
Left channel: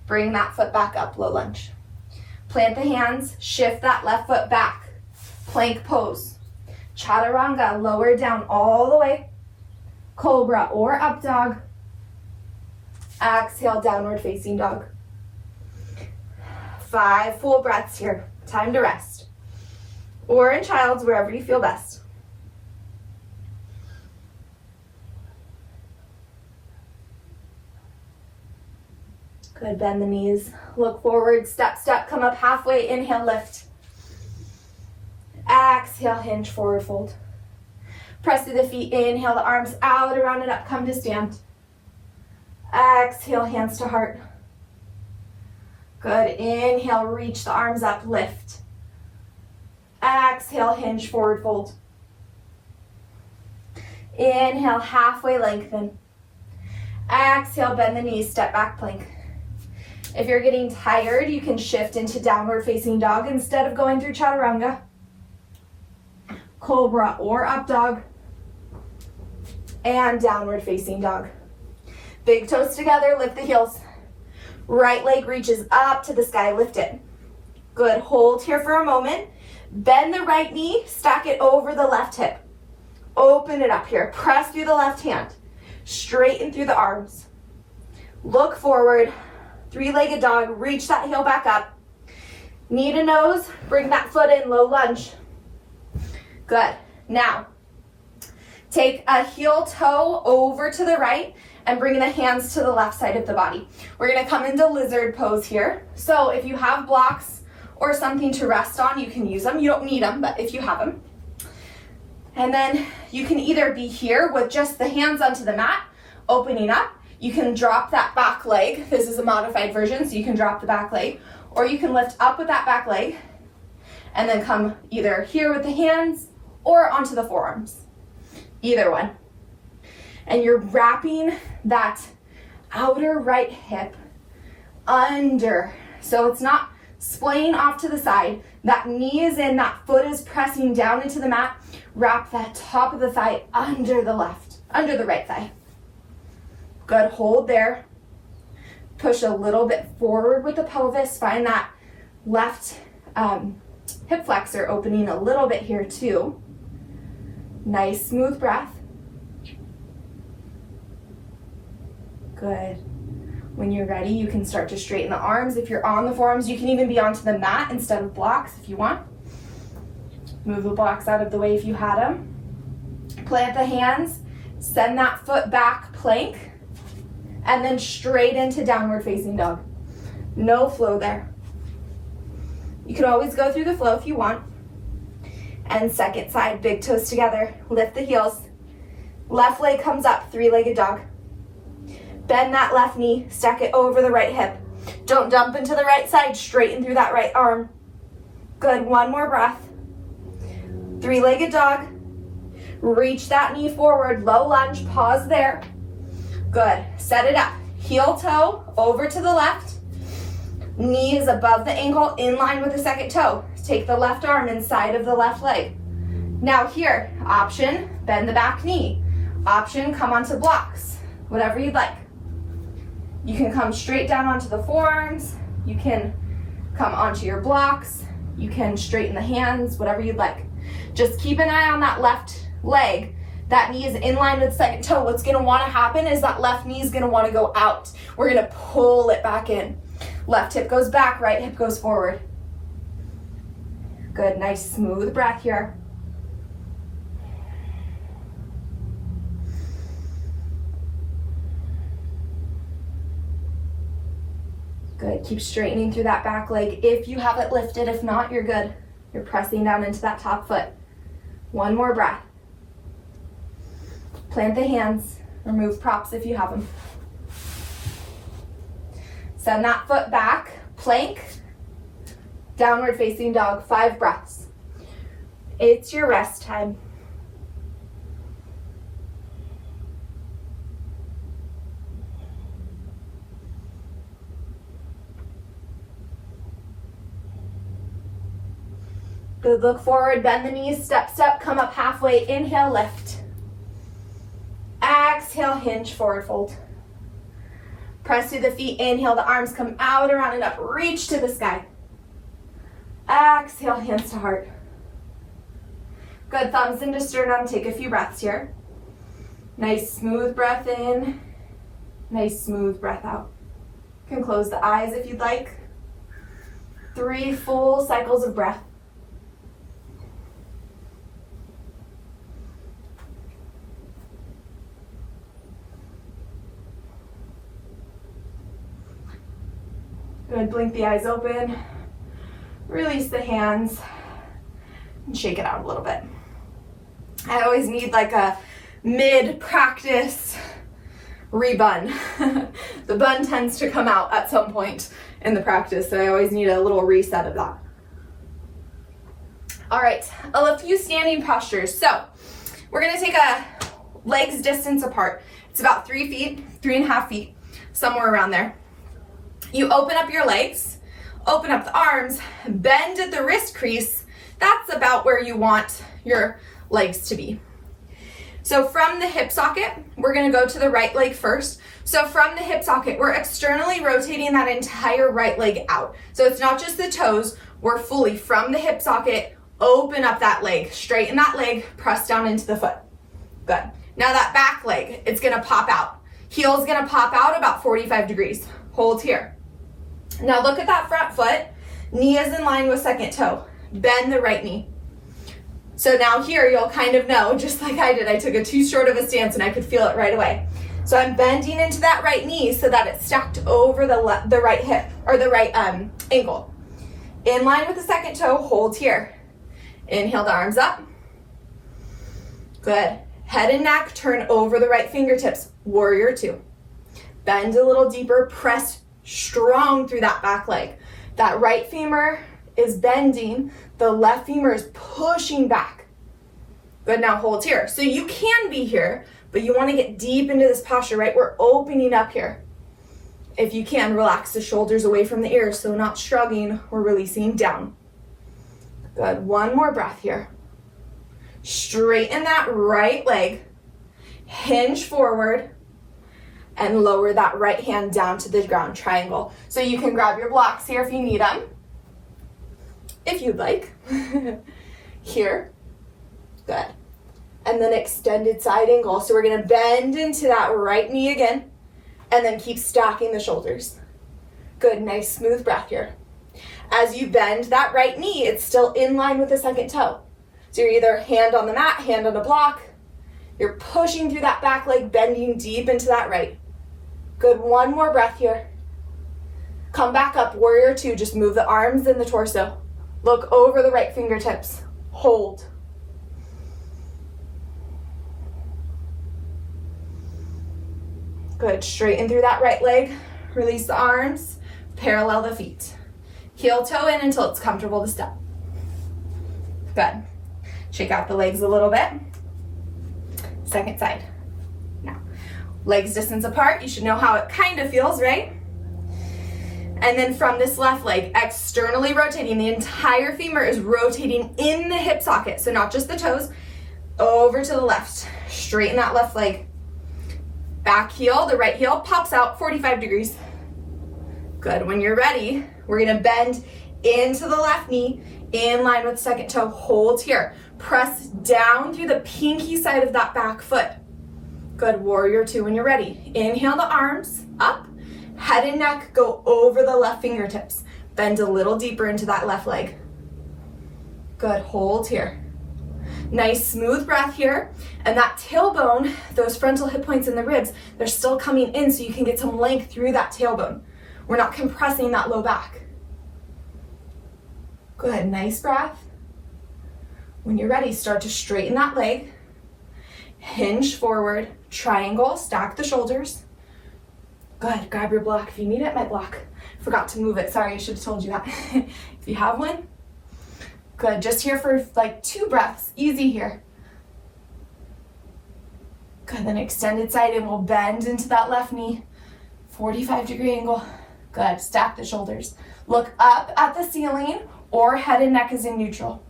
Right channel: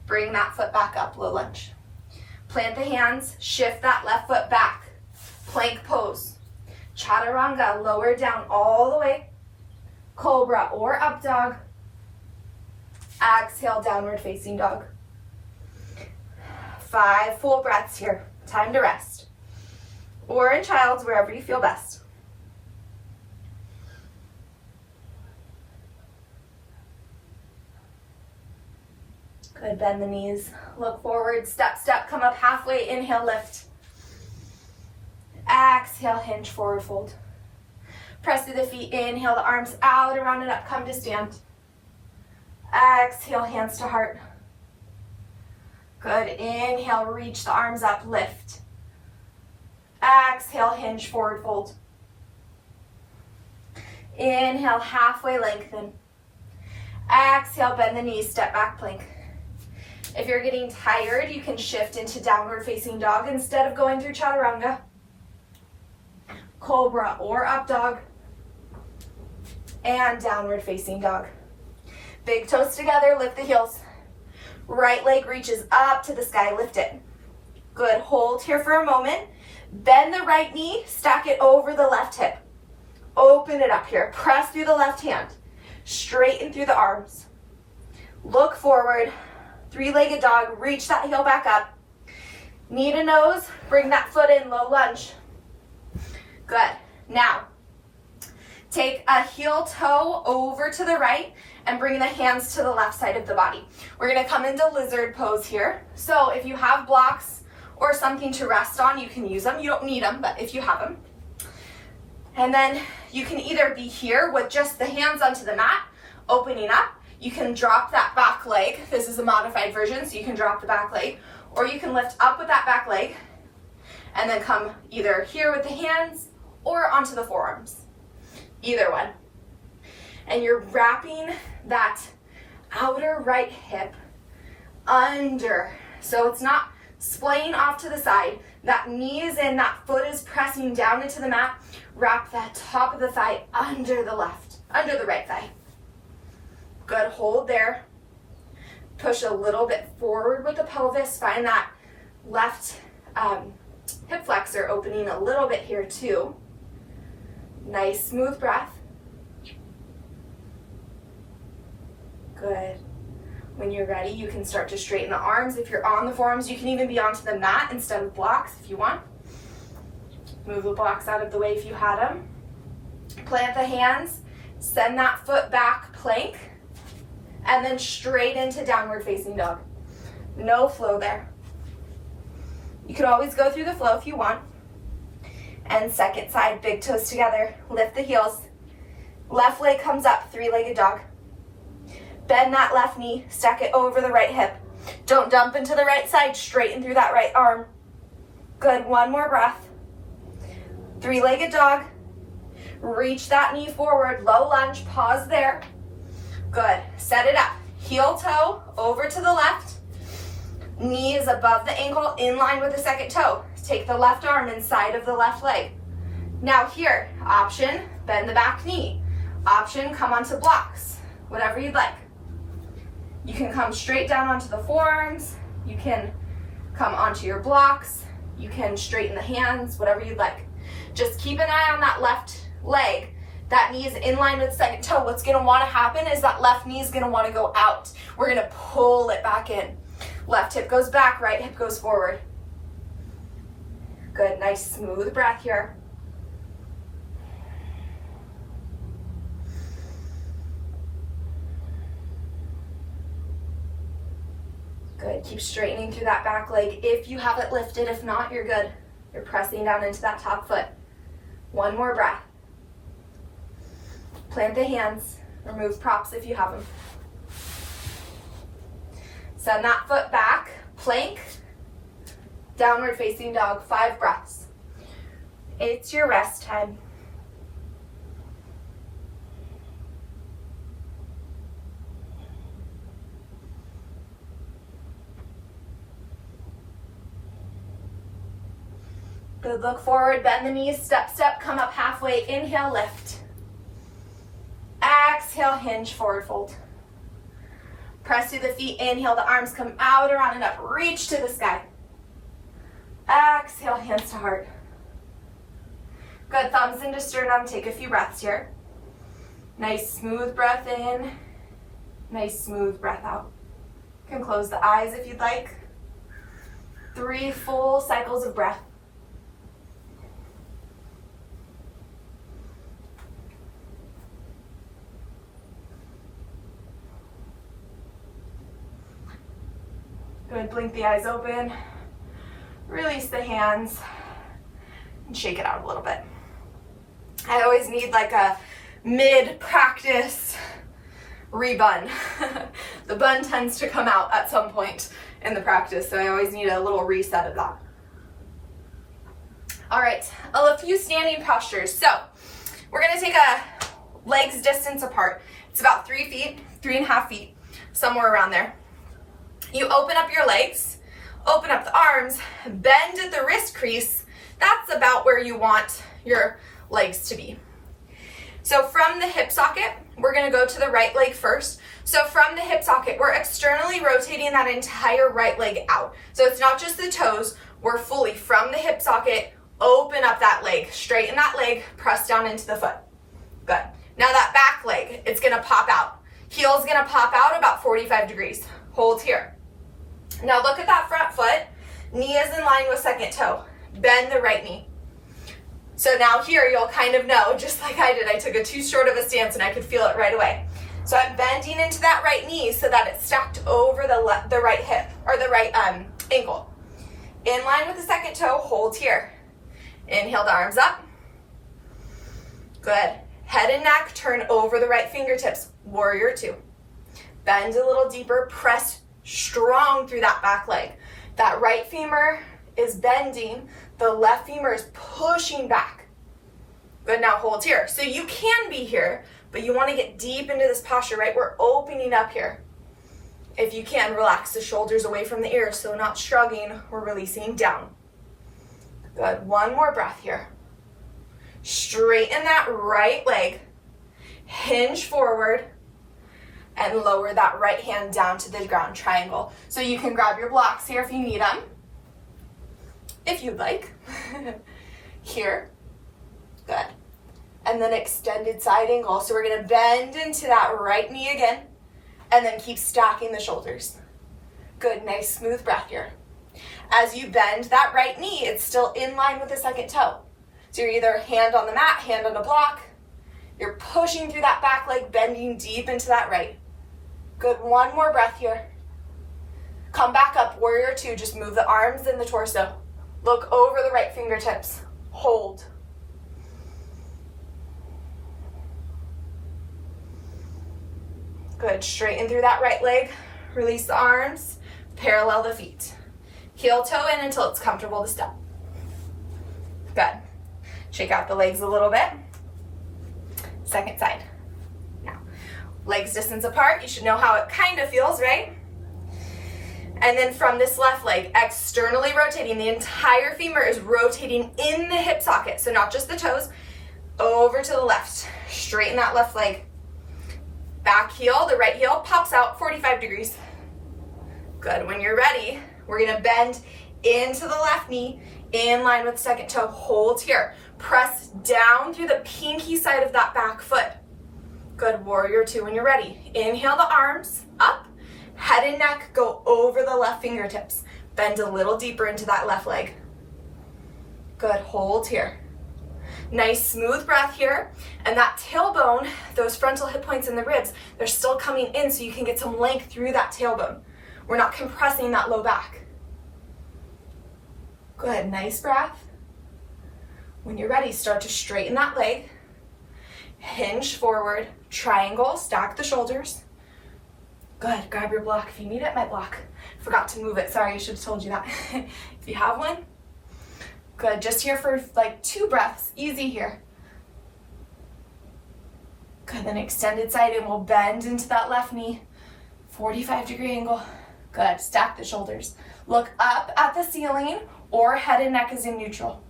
bring that foot back up, low lunge. Plant the hands, shift that left foot back. Plank pose. Chaturanga, lower down all the way. Cobra or up dog. Exhale, downward facing dog. 5 full breaths here. Time to rest. Or in child's, wherever you feel best. Good, bend the knees. Look forward, step, step, come up halfway. Inhale, lift. Exhale, hinge, forward fold. Press through the feet, inhale the arms out, around and up, come to stand. Exhale, hands to heart. Good, inhale, reach the arms up, lift. Exhale, hinge, forward fold. Inhale, halfway lengthen. Exhale, bend the knees, step back plank. If you're getting tired, you can shift into downward facing dog instead of going through chaturanga. Cobra or up dog. And downward facing dog. Big toes together, lift the heels. Right leg reaches up to the sky, lift it. Good, hold here for a moment. Bend the right knee, stack it over the left hip. Open it up here, press through the left hand. Straighten through the arms. Look forward, 3-legged dog, reach that heel back up. Knee to nose, bring that foot in, low lunge. Good, now, take a heel toe over to the right and bring the hands to the left side of the body. We're gonna come into lizard pose here. So if you have blocks or something to rest on, you can use them. You don't need them, but if you have them. And then you can either be here with just the hands onto the mat, opening up. You can drop that back leg. This is a modified version, so you can drop the back leg. Or you can lift up with that back leg and then come either here with the hands or onto the forearms. Either one. And you're wrapping that outer right hip under. So it's not splaying off to the side. That knee is in, that foot is pressing down into the mat. Wrap that top of the thigh under the right thigh. Good, hold there. Push a little bit forward with the pelvis. Find that left hip flexor opening a little bit here too. Nice, smooth breath. Good. When you're ready, you can start to straighten the arms. If you're on the forearms, you can even be onto the mat instead of blocks if you want. Move the blocks out of the way if you had them. Plant the hands, send that foot back, plank, and then straight into downward facing dog. No flow there. You can always go through the flow if you want. And second side, big toes together, lift the heels. Left leg comes up, 3-legged dog. Bend that left knee, stack it over the right hip. Don't dump into the right side, straighten through that right arm. Good, one more breath. 3-legged dog. Reach that knee forward, low lunge, pause there. Good, set it up. Heel toe over to the left. Knee is above the ankle, in line with the second toe. Take the left arm inside of the left leg. Now here, option, bend the back knee. Option, come onto blocks, whatever you'd like. You can come straight down onto the forearms. You can come onto your blocks. You can straighten the hands, whatever you'd like. Just keep an eye on that left leg. That knee is in line with second toe. What's gonna wanna happen is that left knee is gonna wanna go out. We're gonna pull it back in. Left hip goes back, right hip goes forward. Good, nice smooth breath here. Good, keep straightening through that back leg if you have it lifted. If not, you're good. You're pressing down into that top foot. One more breath. Plant the hands, remove props if you have them. Send that foot back, plank, downward facing dog, 5 breaths. It's your rest time. Good, look forward, bend the knees, step, step, come up halfway, inhale, lift. Exhale, hinge, forward fold. Press through the feet, inhale, the arms come out, around and up, reach to the sky. exhale, hands to heart. Good, thumbs into sternum, take a few breaths here. Nice smooth breath in, nice smooth breath out. You can close the eyes if you'd like. 3 full cycles of breath. Good, blink the eyes open, release the hands, and shake it out a little bit. I always need like a mid-practice rebun. The bun tends to come out at some point in the practice, so I always need a little reset of that. All right, a few standing postures. So we're gonna take a legs distance apart. It's about 3 feet, 3.5 feet, somewhere around there. You open up your legs, open up the arms, bend at the wrist crease. That's about where you want your legs to be. So from the hip socket, we're gonna go to the right leg first. So from the hip socket, we're externally rotating that entire right leg out. So it's not just the toes, we're fully from the hip socket, open up that leg, straighten that leg, press down into the foot. Good. Now that back leg, it's gonna pop out. Heel's gonna pop out about 45 degrees. Hold here. Now look at that front foot. Knee is in line with second toe. Bend the right knee. So now here you'll kind of know, just like I did, I took a too short of a stance and I could feel it right away. So I'm bending into that right knee so that it's stacked over the right hip, or the right ankle. In line with the second toe, hold here. Inhale the arms up. Good. Head and neck, turn over the right fingertips. Warrior 2. Bend a little deeper, press strong through that back leg. That right femur is bending, the left femur is pushing back. Good, now hold here. So you can be here, but you want to get deep into this posture, right? We're opening up here. If you can, relax the shoulders away from the ears, so not shrugging or releasing down. Good, one more breath here. Straighten that right leg, hinge forward, and lower that right hand down to the ground, triangle. So you can grab your blocks here if you need them, if you'd like. Here, good. And then extended side angle. So we're gonna bend into that right knee again, and then keep stacking the shoulders. Good, nice smooth breath here. As you bend that right knee, it's still in line with the second toe. So you're either hand on the mat, hand on a block. You're pushing through that back leg, bending deep into that right. Good, one more breath here. Come back up, warrior 2, just move the arms and the torso. Look over the right fingertips, hold. Good, straighten through that right leg, release the arms, parallel the feet. Heel toe in until it's comfortable to step. Good, shake out the legs a little bit. Second side. Legs distance apart, you should know how it kind of feels, right? And then from this left leg, externally rotating, the entire femur is rotating in the hip socket, so not just the toes, over to the left. Straighten that left leg. Back heel, the right heel pops out 45 degrees. Good, when you're ready, we're gonna bend into the left knee, in line with the second toe, hold here. Press down through the pinky side of that back foot. Good, warrior 2 when you're ready. Inhale the arms up, head and neck go over the left fingertips. Bend a little deeper into that left leg. Good, hold here. Nice smooth breath here. And that tailbone, those frontal hip points in the ribs, they're still coming in so you can get some length through that tailbone. We're not compressing that low back. Good, nice breath. When you're ready, start to straighten that leg. Hinge forward, triangle, stack the shoulders. Good, grab your block if you need it. My block, forgot to move it. Sorry, I should have told you that. If you have one. Good, just here for like 2 breaths, easy here. Good, then extended side angle, bend into that left knee. 45-degree angle. Good, stack the shoulders. Look up at the ceiling or head and neck is in neutral.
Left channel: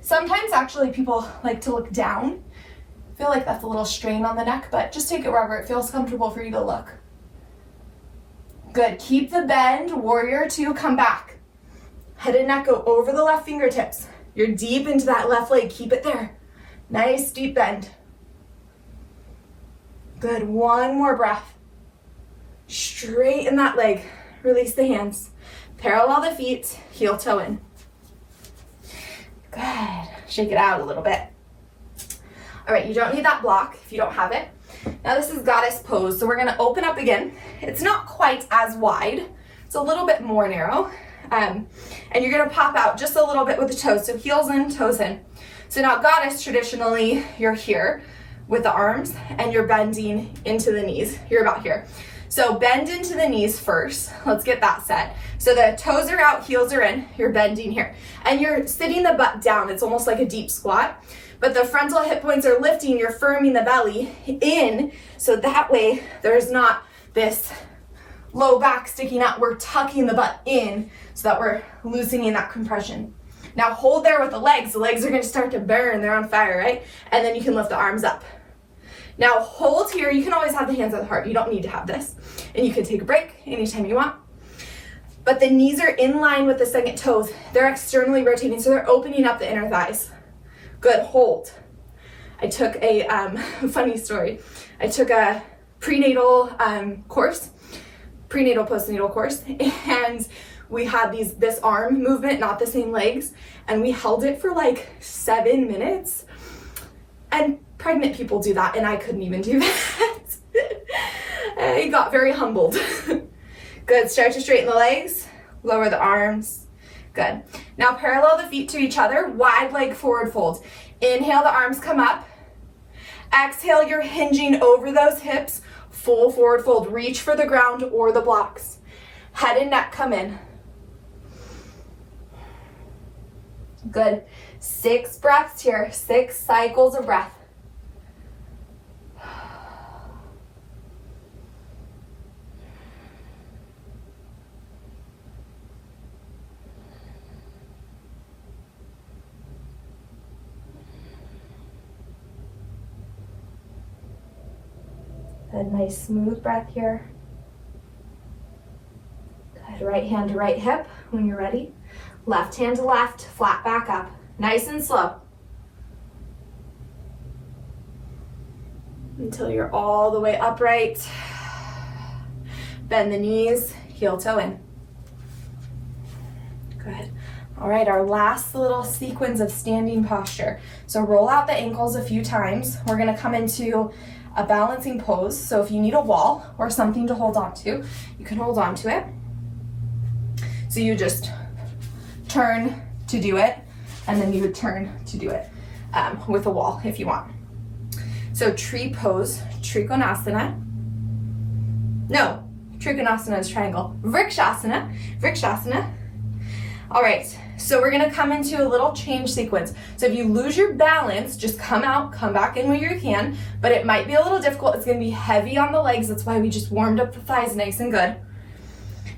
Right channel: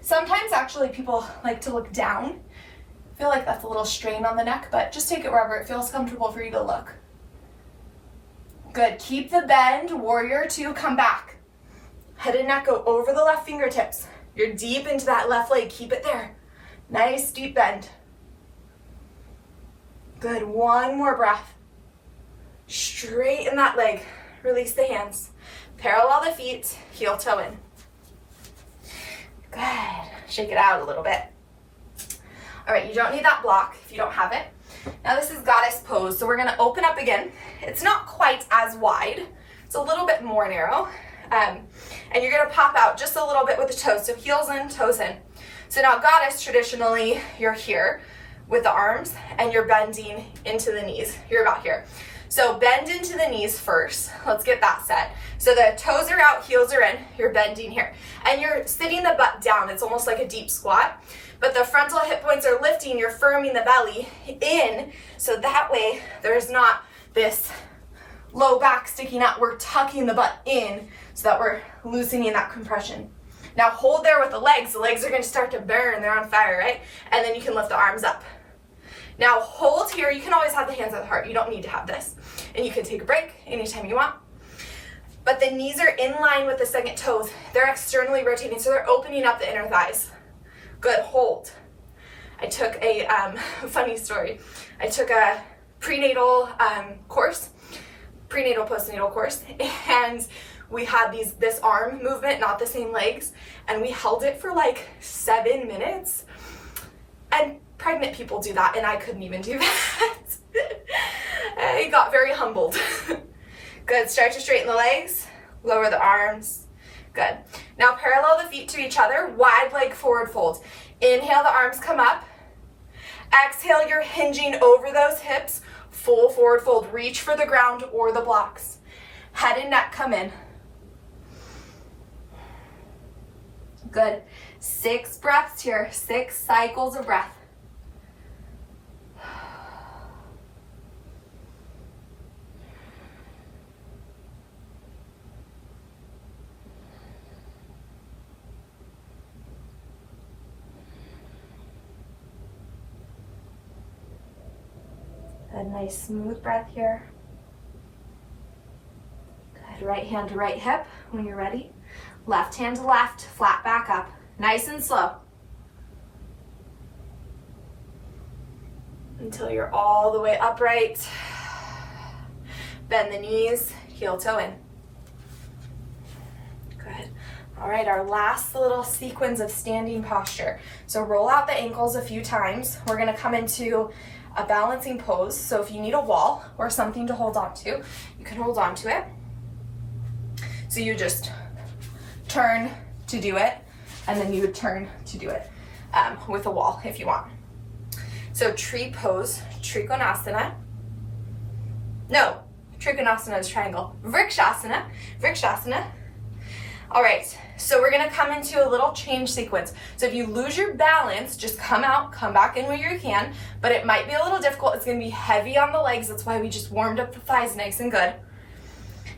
Sometimes actually people like to look down. I feel like that's a little strain on the neck, but just take it wherever it feels comfortable for you to look. Good, keep the bend, warrior 2, come back. Head and neck go over the left fingertips. You're deep into that left leg, keep it there. Nice deep bend. Good, one more breath. Straighten that leg, release the hands. Parallel the feet, heel toe in. Good, shake it out a little bit. All right, you don't need that block if you don't have it. Now this is goddess pose, so we're gonna open up again. It's not quite as wide, it's a little bit more narrow. And you're gonna pop out just a little bit with the toes, so heels in, toes in. So now goddess, traditionally, you're here with the arms and you're bending into the knees. You're about here. So bend into the knees first. Let's get that set. So the toes are out, heels are in, you're bending here. And you're sitting the butt down, it's almost like a deep squat. But the frontal hip points are lifting, you're firming the belly in, so that way there's not this low back sticking out. We're tucking the butt in so that we're loosening that compression. Now hold there with the legs. The legs are gonna start to burn, they're on fire, right? And then you can lift the arms up. Now hold here, you can always have the hands at the heart. You don't need to have this. And you can take a break anytime you want. But the knees are in line with the second toes. They're externally rotating, so they're opening up the inner thighs. Good, hold. I took a funny story. I took a prenatal course, prenatal postnatal course, and we had this arm movement, not the same legs, and we held it for like 7 minutes. And pregnant people do that, and I couldn't even do that. I got very humbled. Good, start to straighten the legs, lower the arms. Good. Now parallel the feet to each other, wide leg forward fold. Inhale, the arms come up. Exhale, you're hinging over those hips, full forward fold. Reach for the ground or the blocks. Head and neck come in. Good. 6 breaths here, 6 cycles of breath. Good, nice smooth breath here. Good, right hand to right hip when you're ready. Left hand to left, flat back up. Nice and slow. Until you're all the way upright. Bend the knees, heel toe in. Good. All right, our last little sequence of standing posture. So roll out the ankles a few times. We're gonna come into a balancing pose. So if you need a wall or something to hold on to, you can hold on to it. So you just turn to do it, and then you would turn to do it with a wall if you want. So tree pose, Trikonasana. No, Trikonasana is triangle. Vrikshasana, Vrikshasana. All right, so we're gonna come into a little change sequence. So if you lose your balance, just come out, come back in where you can, but it might be a little difficult. It's gonna be heavy on the legs. That's why we just warmed up the thighs nice and good.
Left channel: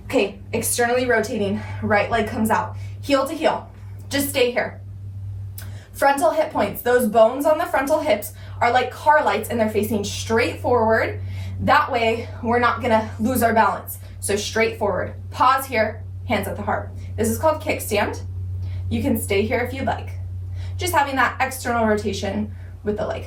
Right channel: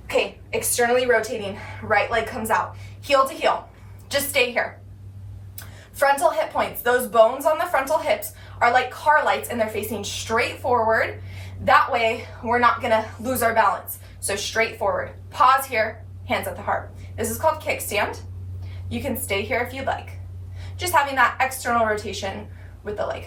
Okay, externally rotating, right leg comes out. Heel to heel, just stay here. Frontal hip points, those bones on the frontal hips are like car lights and they're facing straight forward. That way, we're not gonna lose our balance. So straight forward, pause here, hands at the heart. This is called kickstand. You can stay here if you'd like. Just having that external rotation with the leg.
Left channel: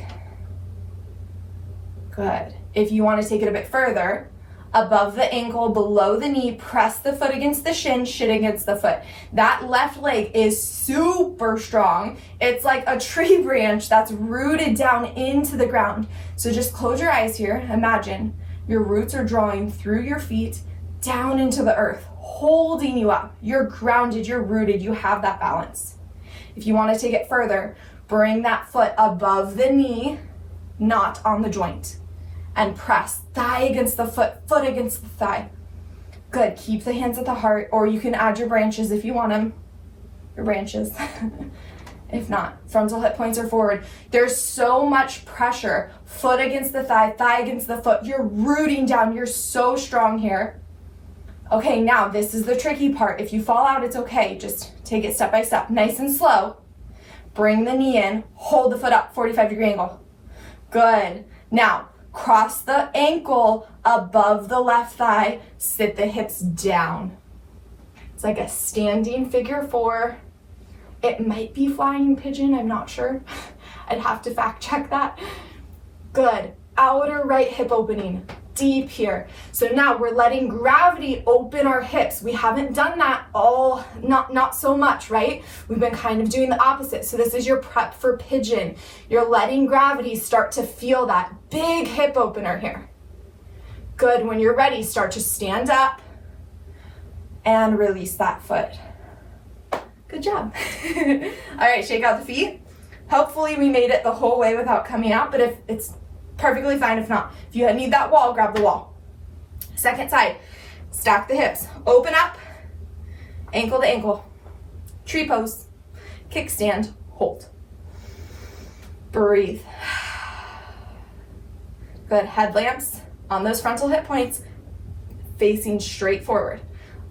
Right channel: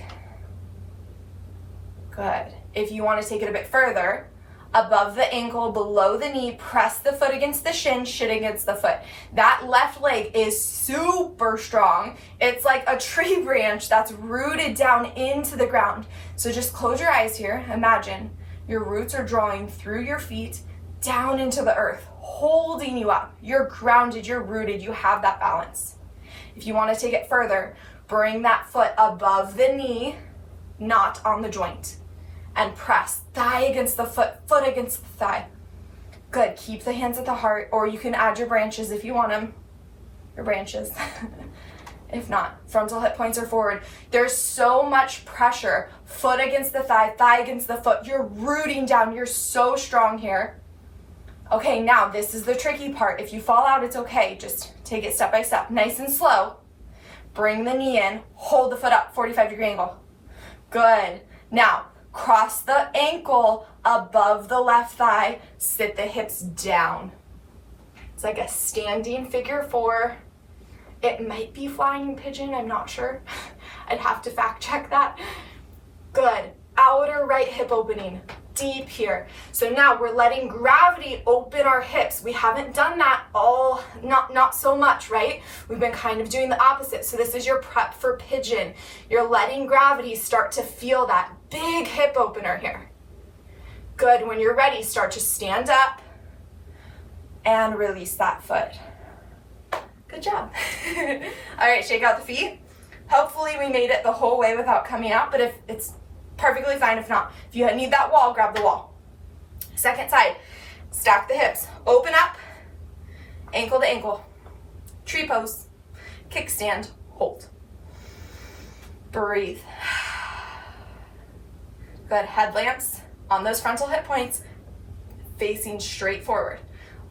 Good. If you want to take it a bit further, above the ankle, below the knee, press the foot against the shin against the foot. That left leg is super strong. It's like a tree branch that's rooted down into the ground. So just close your eyes here. Imagine your roots are drawing through your feet down into the earth, holding you up. You're grounded, you're rooted, you have that balance. If you want to take it further, bring that foot above the knee, not on the joint, and press thigh against the foot, foot against the thigh. Good, keep the hands at the heart, or you can add your branches if you want them, your branches. If not, frontal hip points are forward. There's so much pressure, foot against the thigh, thigh against the foot. You're rooting down, you're so strong here. Okay, now this is the tricky part. If you fall out, it's okay. Just take it step by step, nice and slow. Bring the knee in, hold the foot up, 45-degree angle. Good. Now, cross the ankle above the left thigh, sit the hips down. It's like a standing figure 4. It might be flying pigeon, I'm not sure. I'd have to fact check that. Good. Outer right hip opening, deep here. So now we're letting gravity open our hips. We haven't done that all, not so much, right? We've been kind of doing the opposite. So this is your prep for pigeon. You're letting gravity start to feel that big hip opener here. Good. When you're ready, start to stand up and release that foot. Good job. All right, shake out the feet. Hopefully we made it the whole way without coming out, but if it's perfectly fine if not. If you need that wall, grab the wall. Second side, stack the hips. Open up, ankle to ankle. Tree pose, kickstand, hold. Breathe. Good, headlamps on those frontal hip points, facing straight forward.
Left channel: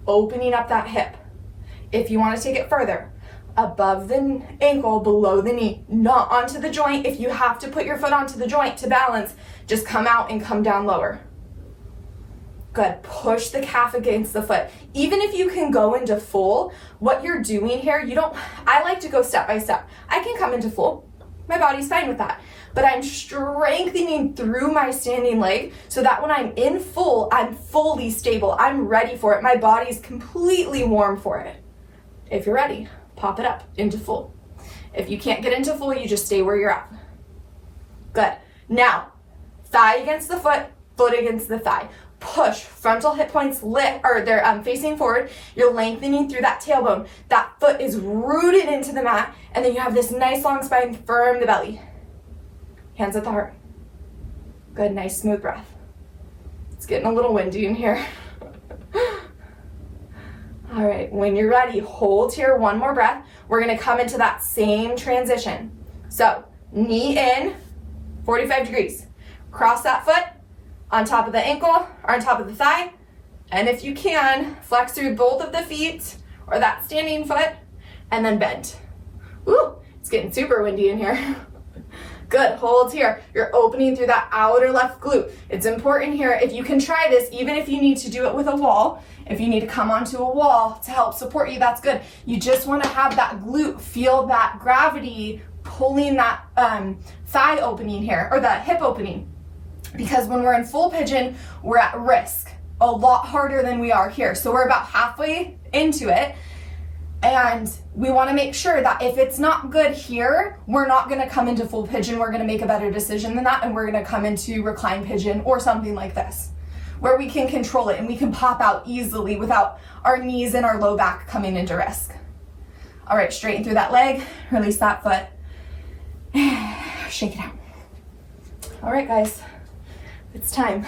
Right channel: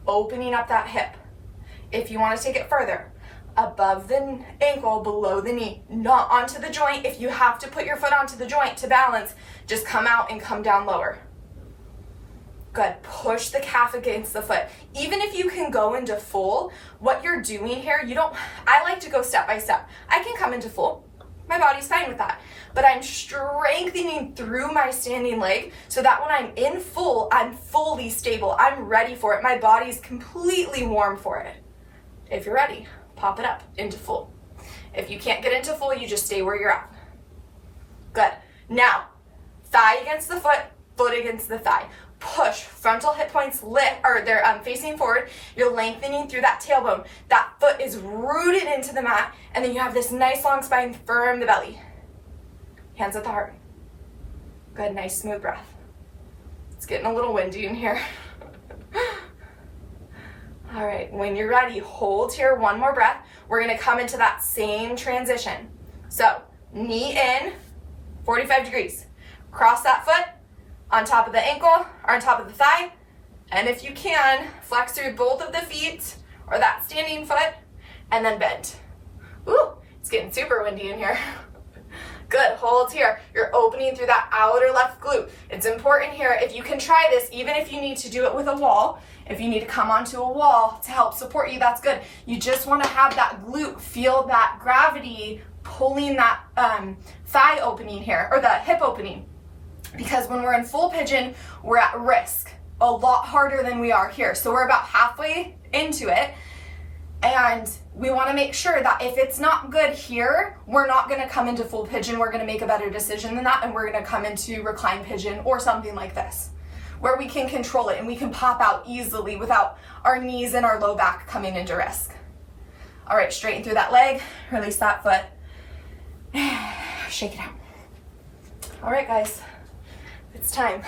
Opening up that hip. If you want to take it further, above the ankle, below the knee, not onto the joint. If you have to put your foot onto the joint to balance, just come out and come down lower. Good, push the calf against the foot. Even if you can go into full, what you're doing here, I like to go step by step. I can come into full, my body's fine with that. But I'm strengthening through my standing leg so that when I'm in full, I'm fully stable. I'm ready for it. My body's completely warm for it. If you're ready, pop it up into full. If you can't get into full, you just stay where you're at. Good. Now, thigh against the foot, foot against the thigh. Push, frontal hip points they're facing forward. You're lengthening through that tailbone. That foot is rooted into the mat, and then you have this nice long spine, firm the belly. Hands at the heart. Good, nice smooth breath. It's getting a little windy in here. All right, when you're ready, hold here, one more breath. We're gonna come into that same transition. So, knee in, 45 degrees. Cross that foot on top of the ankle or on top of the thigh. And if you can, flex through both of the feet or that standing foot and then bend. Ooh, it's getting super windy in here. Good, hold here. You're opening through that outer left glute. It's important here, if you can try this, even if you need to do it with a wall, if you need to come onto a wall to help support you, that's good. You just want to have that glute, feel that gravity pulling that thigh opening here, or the hip opening. Because when we're in full pigeon, we're at risk a lot harder than we are here. So we're about halfway into it. And we want to make sure that if it's not good here, we're not going to come into full pigeon. We're going to make a better decision than that, and we're going to come into reclined pigeon or something like this, where we can control it and we can pop out easily without our knees and our low back coming into risk. All right, straighten through that leg, release that foot, shake it out. All right, guys, it's time.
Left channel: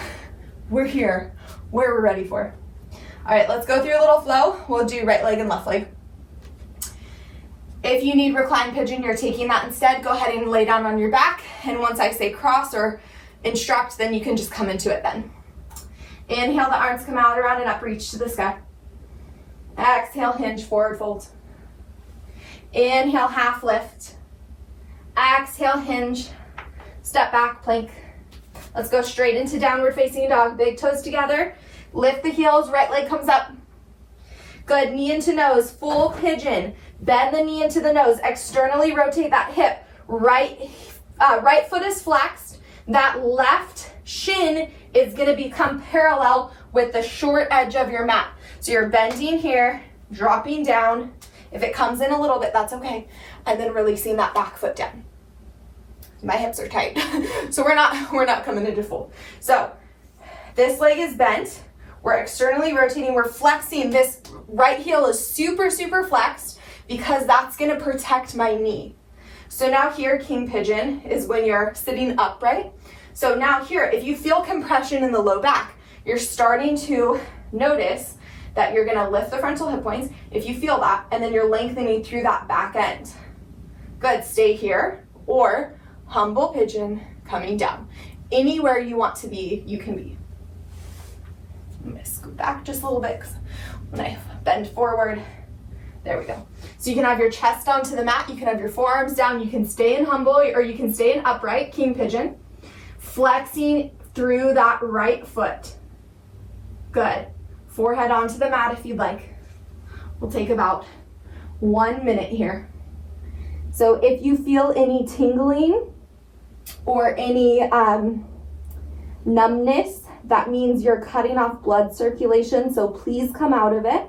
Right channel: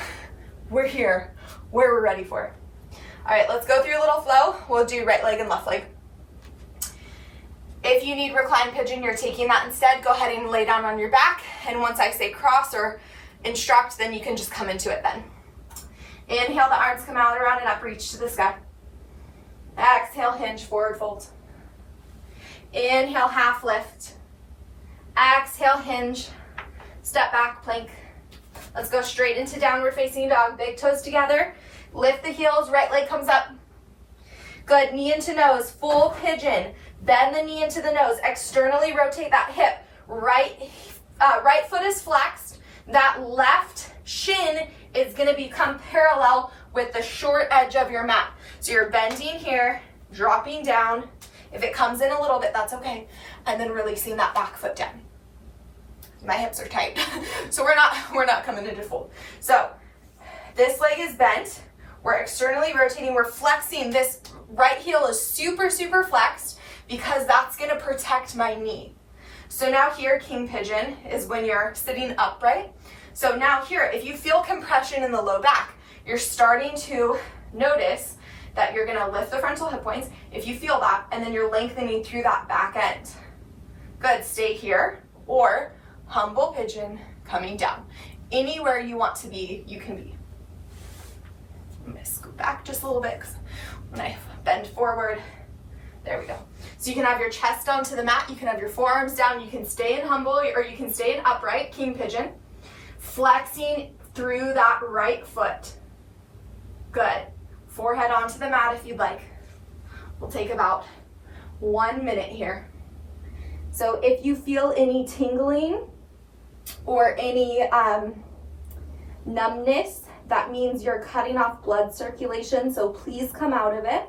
We're here, where we're ready for. All right, let's go through a little flow. We'll do right leg and left leg. If you need reclined pigeon, you're taking that instead, go ahead and lay down on your back. And once I say cross or instruct, then you can just come into it then. Inhale, the arms come out around and up, reach to the sky. Exhale, hinge, forward fold. Inhale, half lift. Exhale, hinge, step back, plank. Let's go straight into downward facing dog. Big toes together. Lift the heels, right leg comes up. Good, knee into nose, full pigeon. Bend the knee into the nose. Externally rotate that hip. Right foot is flexed. That left shin is gonna become parallel with the short edge of your mat. So you're bending here, dropping down. If it comes in a little bit, that's okay. And then releasing that back foot down. My hips are tight, so we're not coming into full. So this leg is bent. We're externally rotating. We're flexing. This right heel is super, super flexed because that's going to protect my knee. So now here, king pigeon is when you're sitting upright. So now here, if you feel compression in the low back, you're starting to notice that you're going to lift the frontal hip points. If you feel that, and then you're lengthening through that back end. Good, stay here, or humble pigeon coming down. Anywhere you want to be, you can be. I'm gonna scoot back just a little bit because when I bend forward, there we go. So you can have your chest down to the mat, you can have your forearms down, you can stay in humble or you can stay in upright, king pigeon. Flexing through that right foot. Good. Forehead onto the mat if you'd like. We'll take about 1 minute here. So if you feel any tingling or any numbness, that means you're cutting off blood circulation, so please come out of it.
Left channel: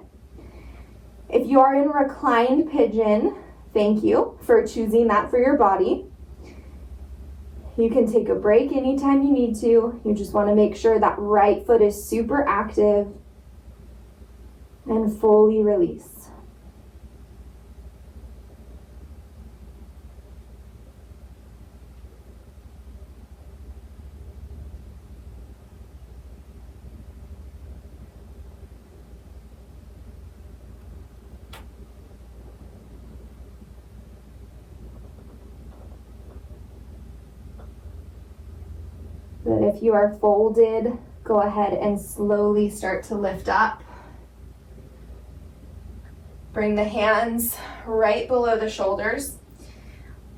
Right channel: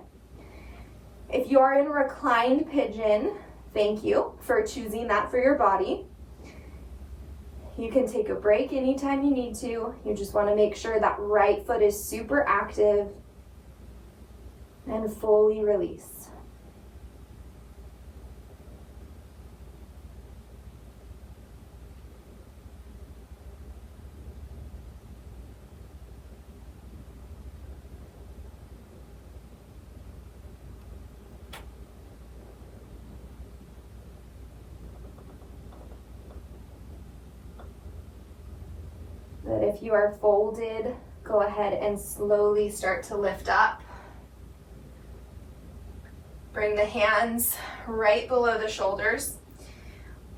If you are in reclined pigeon, thank you for choosing that for your body. You can take a break anytime you need to. You just want to make sure that right foot is super active and fully release. But if you are folded, go ahead and slowly start to lift up. Bring the hands right below the shoulders.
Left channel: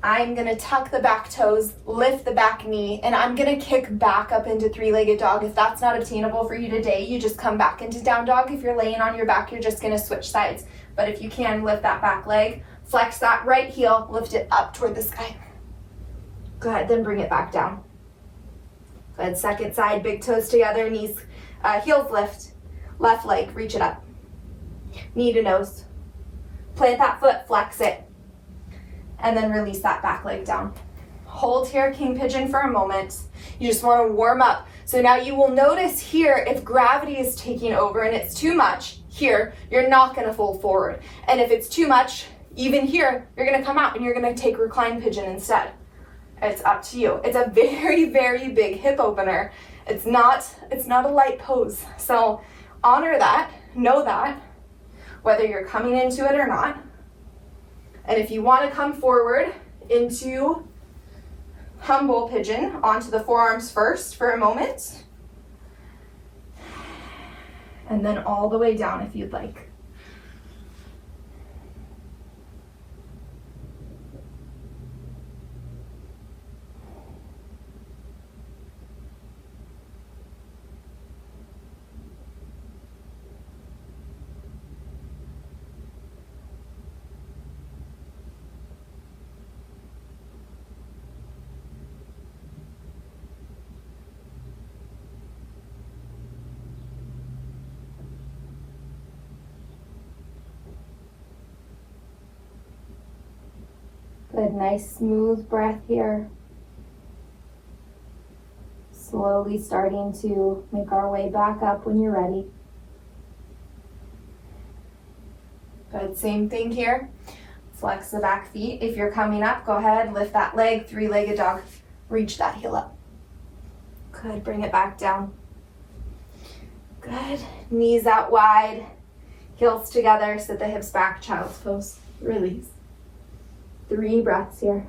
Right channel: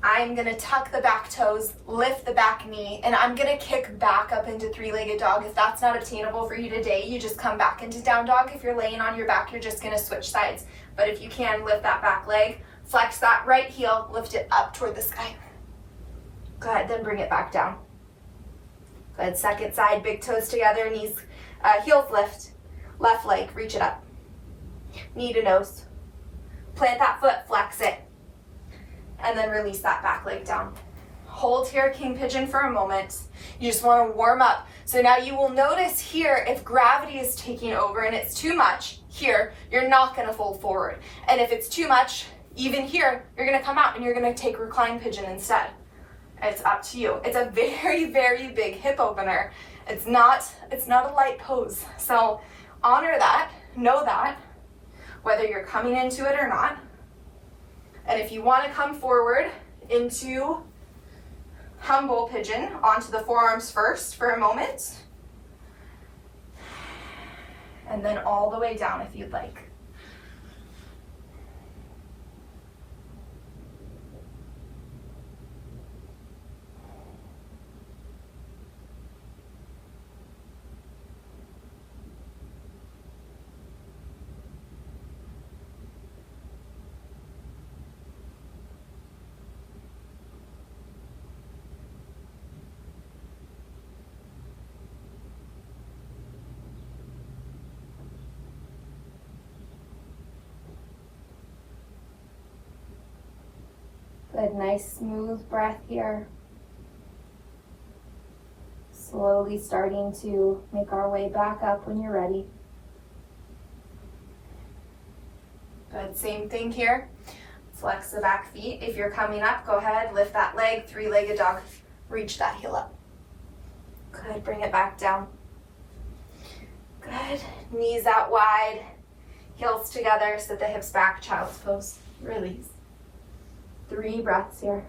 I'm gonna tuck the back toes, lift the back knee, and I'm gonna kick back up into three-legged dog. If that's not obtainable for you today, you just come back into down dog. If you're laying on your back, you're just gonna switch sides. But if you can, lift that back leg, flex that right heel, lift it up toward the sky. Good, then bring it back down. Good, second side, big toes together, knees, heels lift. Left leg, reach it up. Knee to nose. Plant that foot, flex it. And then release that back leg down. Hold here, king pigeon, for a moment. You just want to warm up. So now you will notice here, if gravity is taking over and it's too much here, you're not going to fold forward. And if it's too much, even here, you're going to come out and you're going to take reclined pigeon instead. It's up to you. It's a very, very big hip opener. It's not a light pose. So honor that, know that, whether you're coming into it or not. And if you want to come forward into humble pigeon, onto the forearms first for a moment. And then all the way down if you'd like. Good, nice smooth breath here. Slowly starting to make our way back up when you're ready. Good, same thing here. Flex the back feet. If you're coming up, go ahead, lift that leg, three-legged dog. Reach that heel up. Good, bring it back down. Good, knees out wide, heels together, sit the hips back, child's pose. Release. 3 breaths here.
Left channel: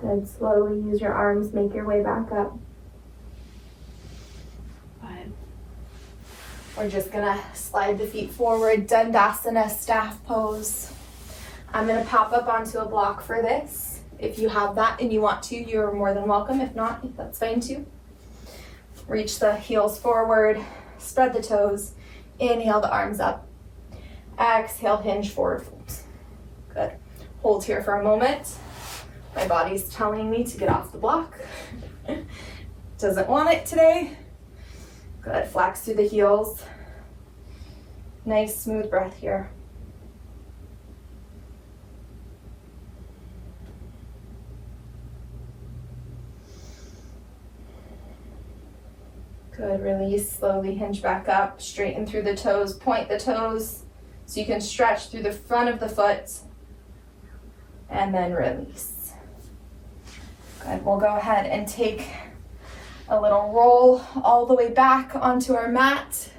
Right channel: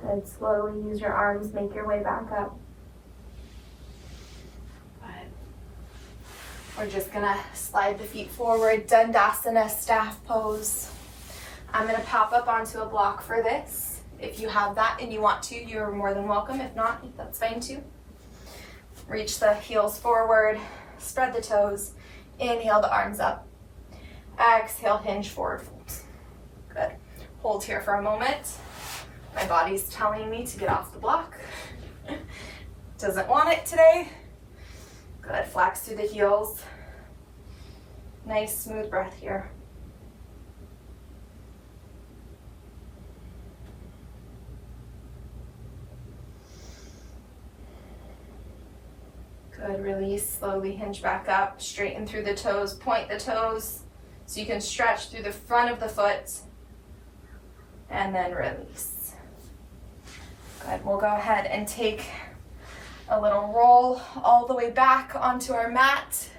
Good, slowly use your arms, make your way back up. Good. We're just gonna slide the feet forward, Dandasana, staff pose. I'm gonna pop up onto a block for this. If you have that and you want to, you're more than welcome. If not, that's fine too. Reach the heels forward, spread the toes, inhale the arms up. Exhale, hinge forward folds. Good. Hold here for a moment. My body's telling me to get off the block. Doesn't want it today. Good, flex through the heels. Nice smooth breath here. Good, release, slowly hinge back up, straighten through the toes, point the toes so you can stretch through the front of the foot, and then release. Good, we'll go ahead and take a little roll all the way back onto our mat,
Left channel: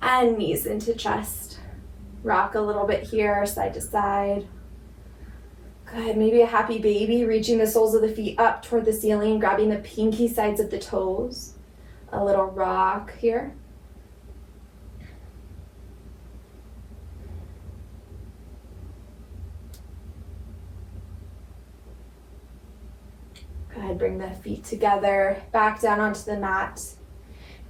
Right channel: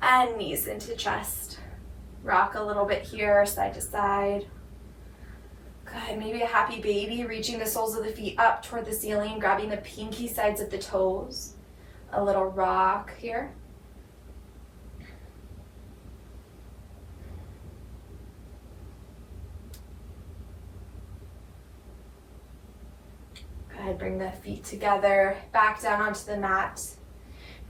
and knees into chest. Rock a little bit here, side to side. Good, maybe a happy baby, reaching the soles of the feet up toward the ceiling, grabbing the pinky sides of the toes. A little rock here. ahead, bring the feet together, back down onto the mat.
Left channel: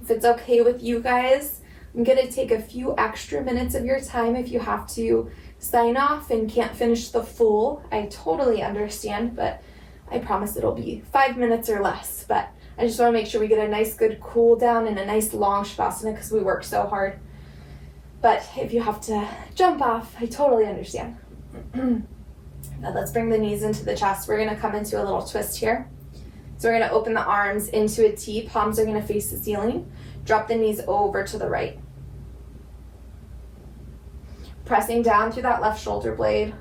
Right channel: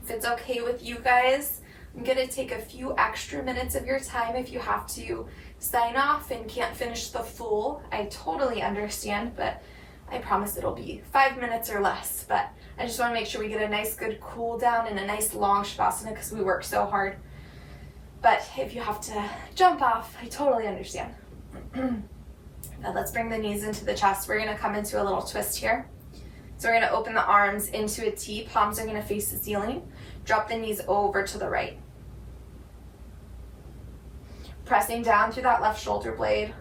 If it's okay with you guys, I'm gonna take a few extra minutes of your time. If you have to sign off and can't finish the full, I totally understand, but I promise it'll be 5 minutes or less. But I just wanna make sure we get a nice good cool down and a nice long Shavasana because we work so hard. But if you have to jump off, I totally understand. Now let's bring the knees into the chest. We're gonna come into a little twist here. So we're gonna open the arms into a T, palms are gonna face the ceiling. Drop the knees over to the right. Pressing down through that left shoulder blade.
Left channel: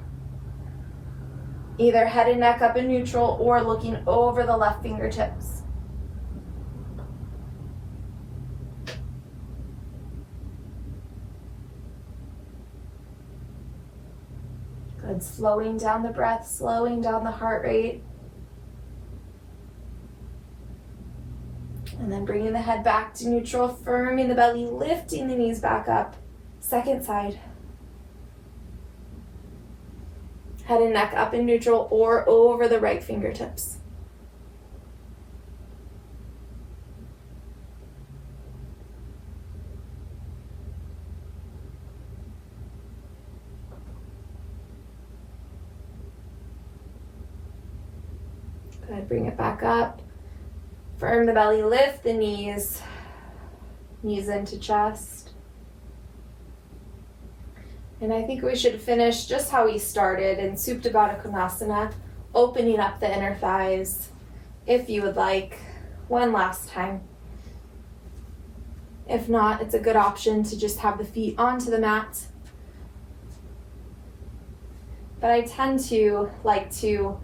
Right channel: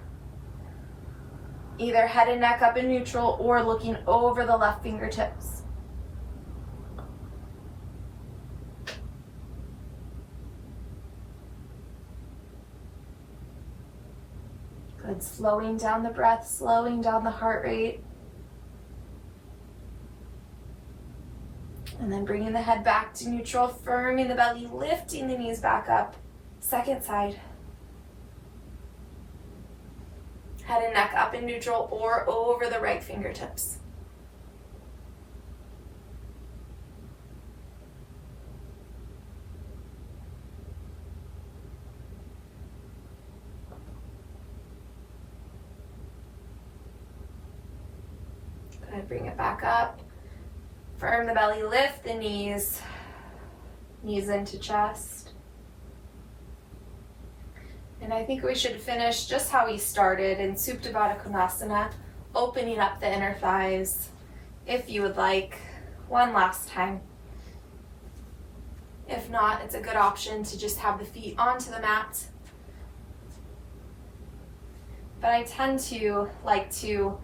Either head and neck up in neutral or looking over the left fingertips. Good, slowing down the breath, slowing down the heart rate. And then bringing the head back to neutral, firming the belly, lifting the knees back up. Second side. Head and neck up in neutral or over the right fingertips. Good, bring it back up. Firm the belly, lift the knees, knees into chest. And I think we should finish just how we started in Supta Baddha Konasana, opening up the inner thighs, if you would like, one last time. If not, it's a good option to just have the feet onto the mat. But I tend to like to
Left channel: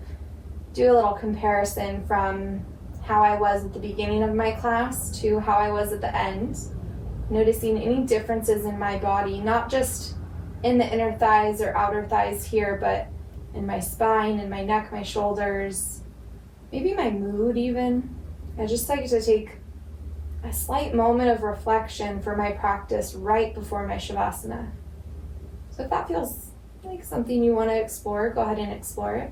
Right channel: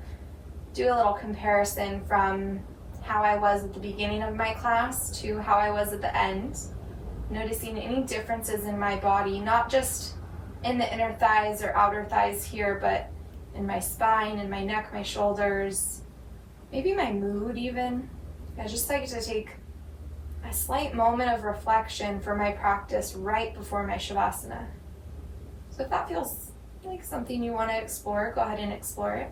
do a little comparison from how I was at the beginning of my class to how I was at the end, noticing any differences in my body, not just in the inner thighs or outer thighs here, but in my spine, in my neck, my shoulders, maybe my mood even. I just like to take a slight moment of reflection for my practice right before my Shavasana. So if that feels like something you want to explore, go ahead and explore it.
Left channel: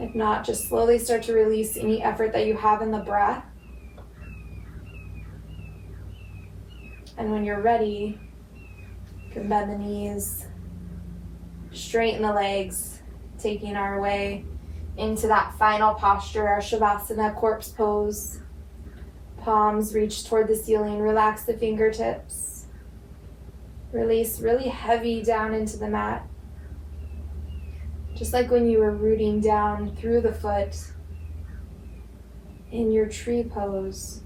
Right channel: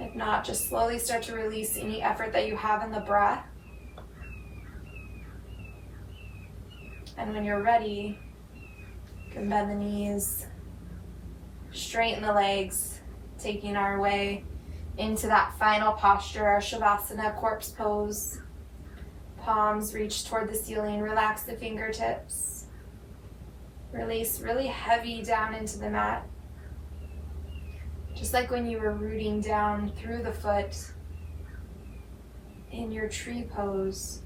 If not, just slowly start to release any effort that you have in the breath. And when you're ready, you can bend the knees, straighten the legs, taking our way into that final posture, our Shavasana corpse pose. Palms reach toward the ceiling, relax the fingertips. Release really heavy down into the mat. Just like when you were rooting down through the foot in your tree pose.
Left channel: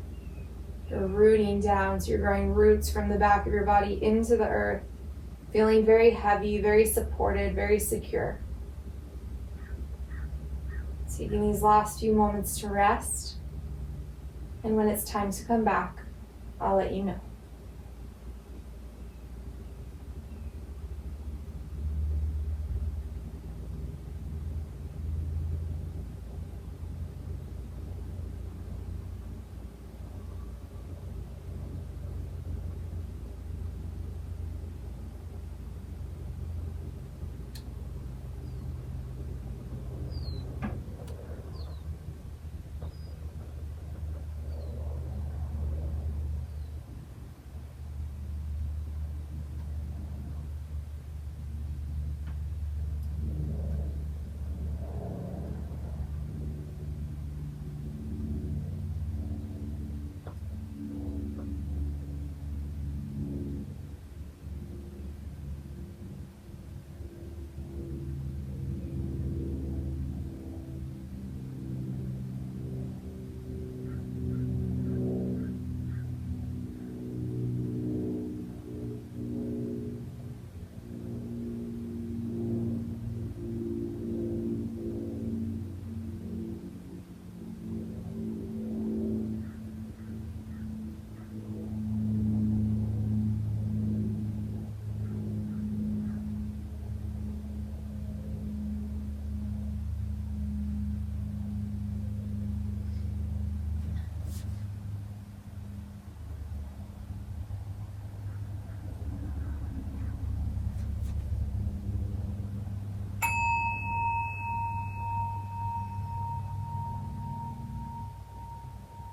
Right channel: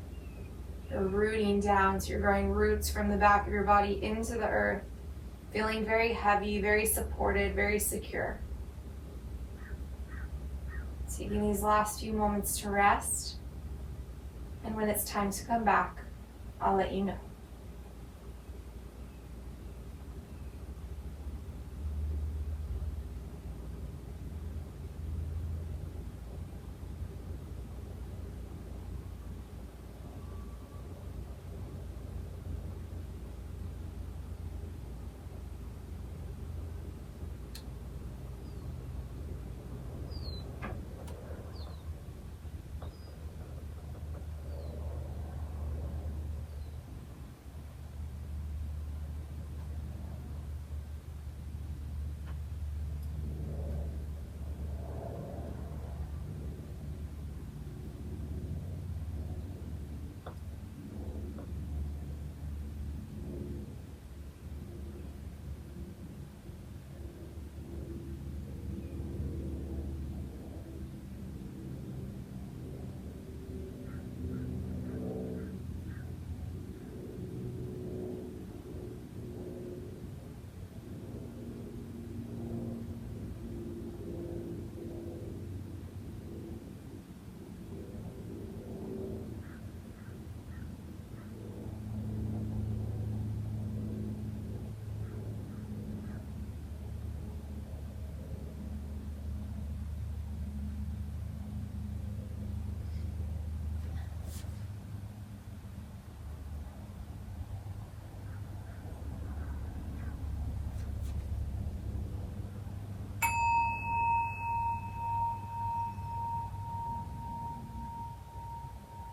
You're rooting down, so you're growing roots from the back of your body into the earth, feeling very heavy, very supported, very secure. Taking these last few moments to rest, and when it's time to come back, I'll let you know.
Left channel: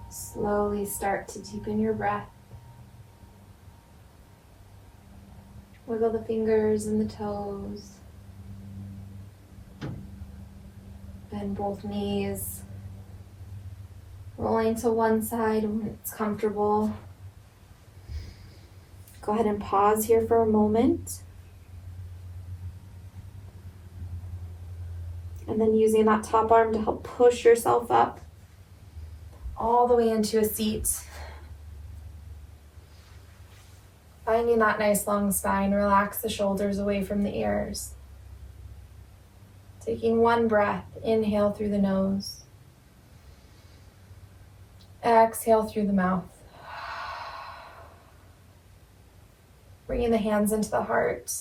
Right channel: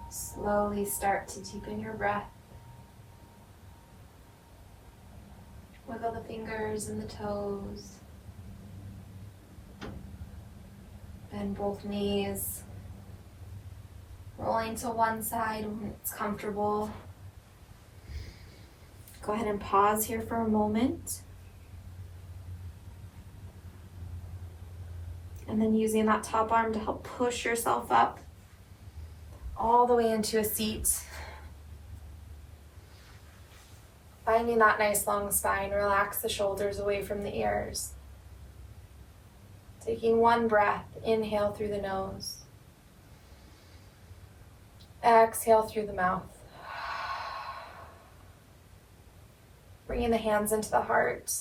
Slowly start to deepen your breath. Wiggle the fingers and the toes. Bend both knees. Rolling to one side when it's comfortable. Go ahead and pause here for a moment. And then using that top arm to help push yourself up all the way into a seat. Finding that nice long spine, relax the shoulders away from the ears. Taking one breath, inhale through the nose. Exhale through the mouth. Bringing the hands into the heart.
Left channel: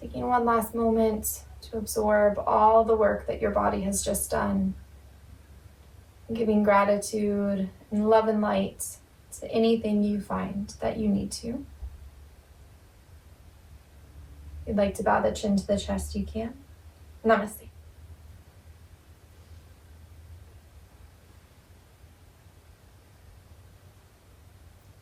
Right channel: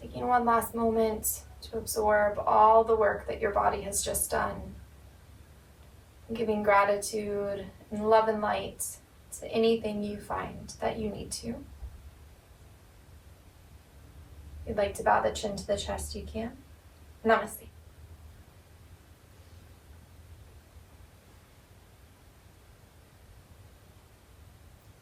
Taking one last moment to absorb all the work that your body has just done. Giving gratitude and love and light to anything you find that you need to. If you'd like to bow the chin to the chest, you can. Namaste.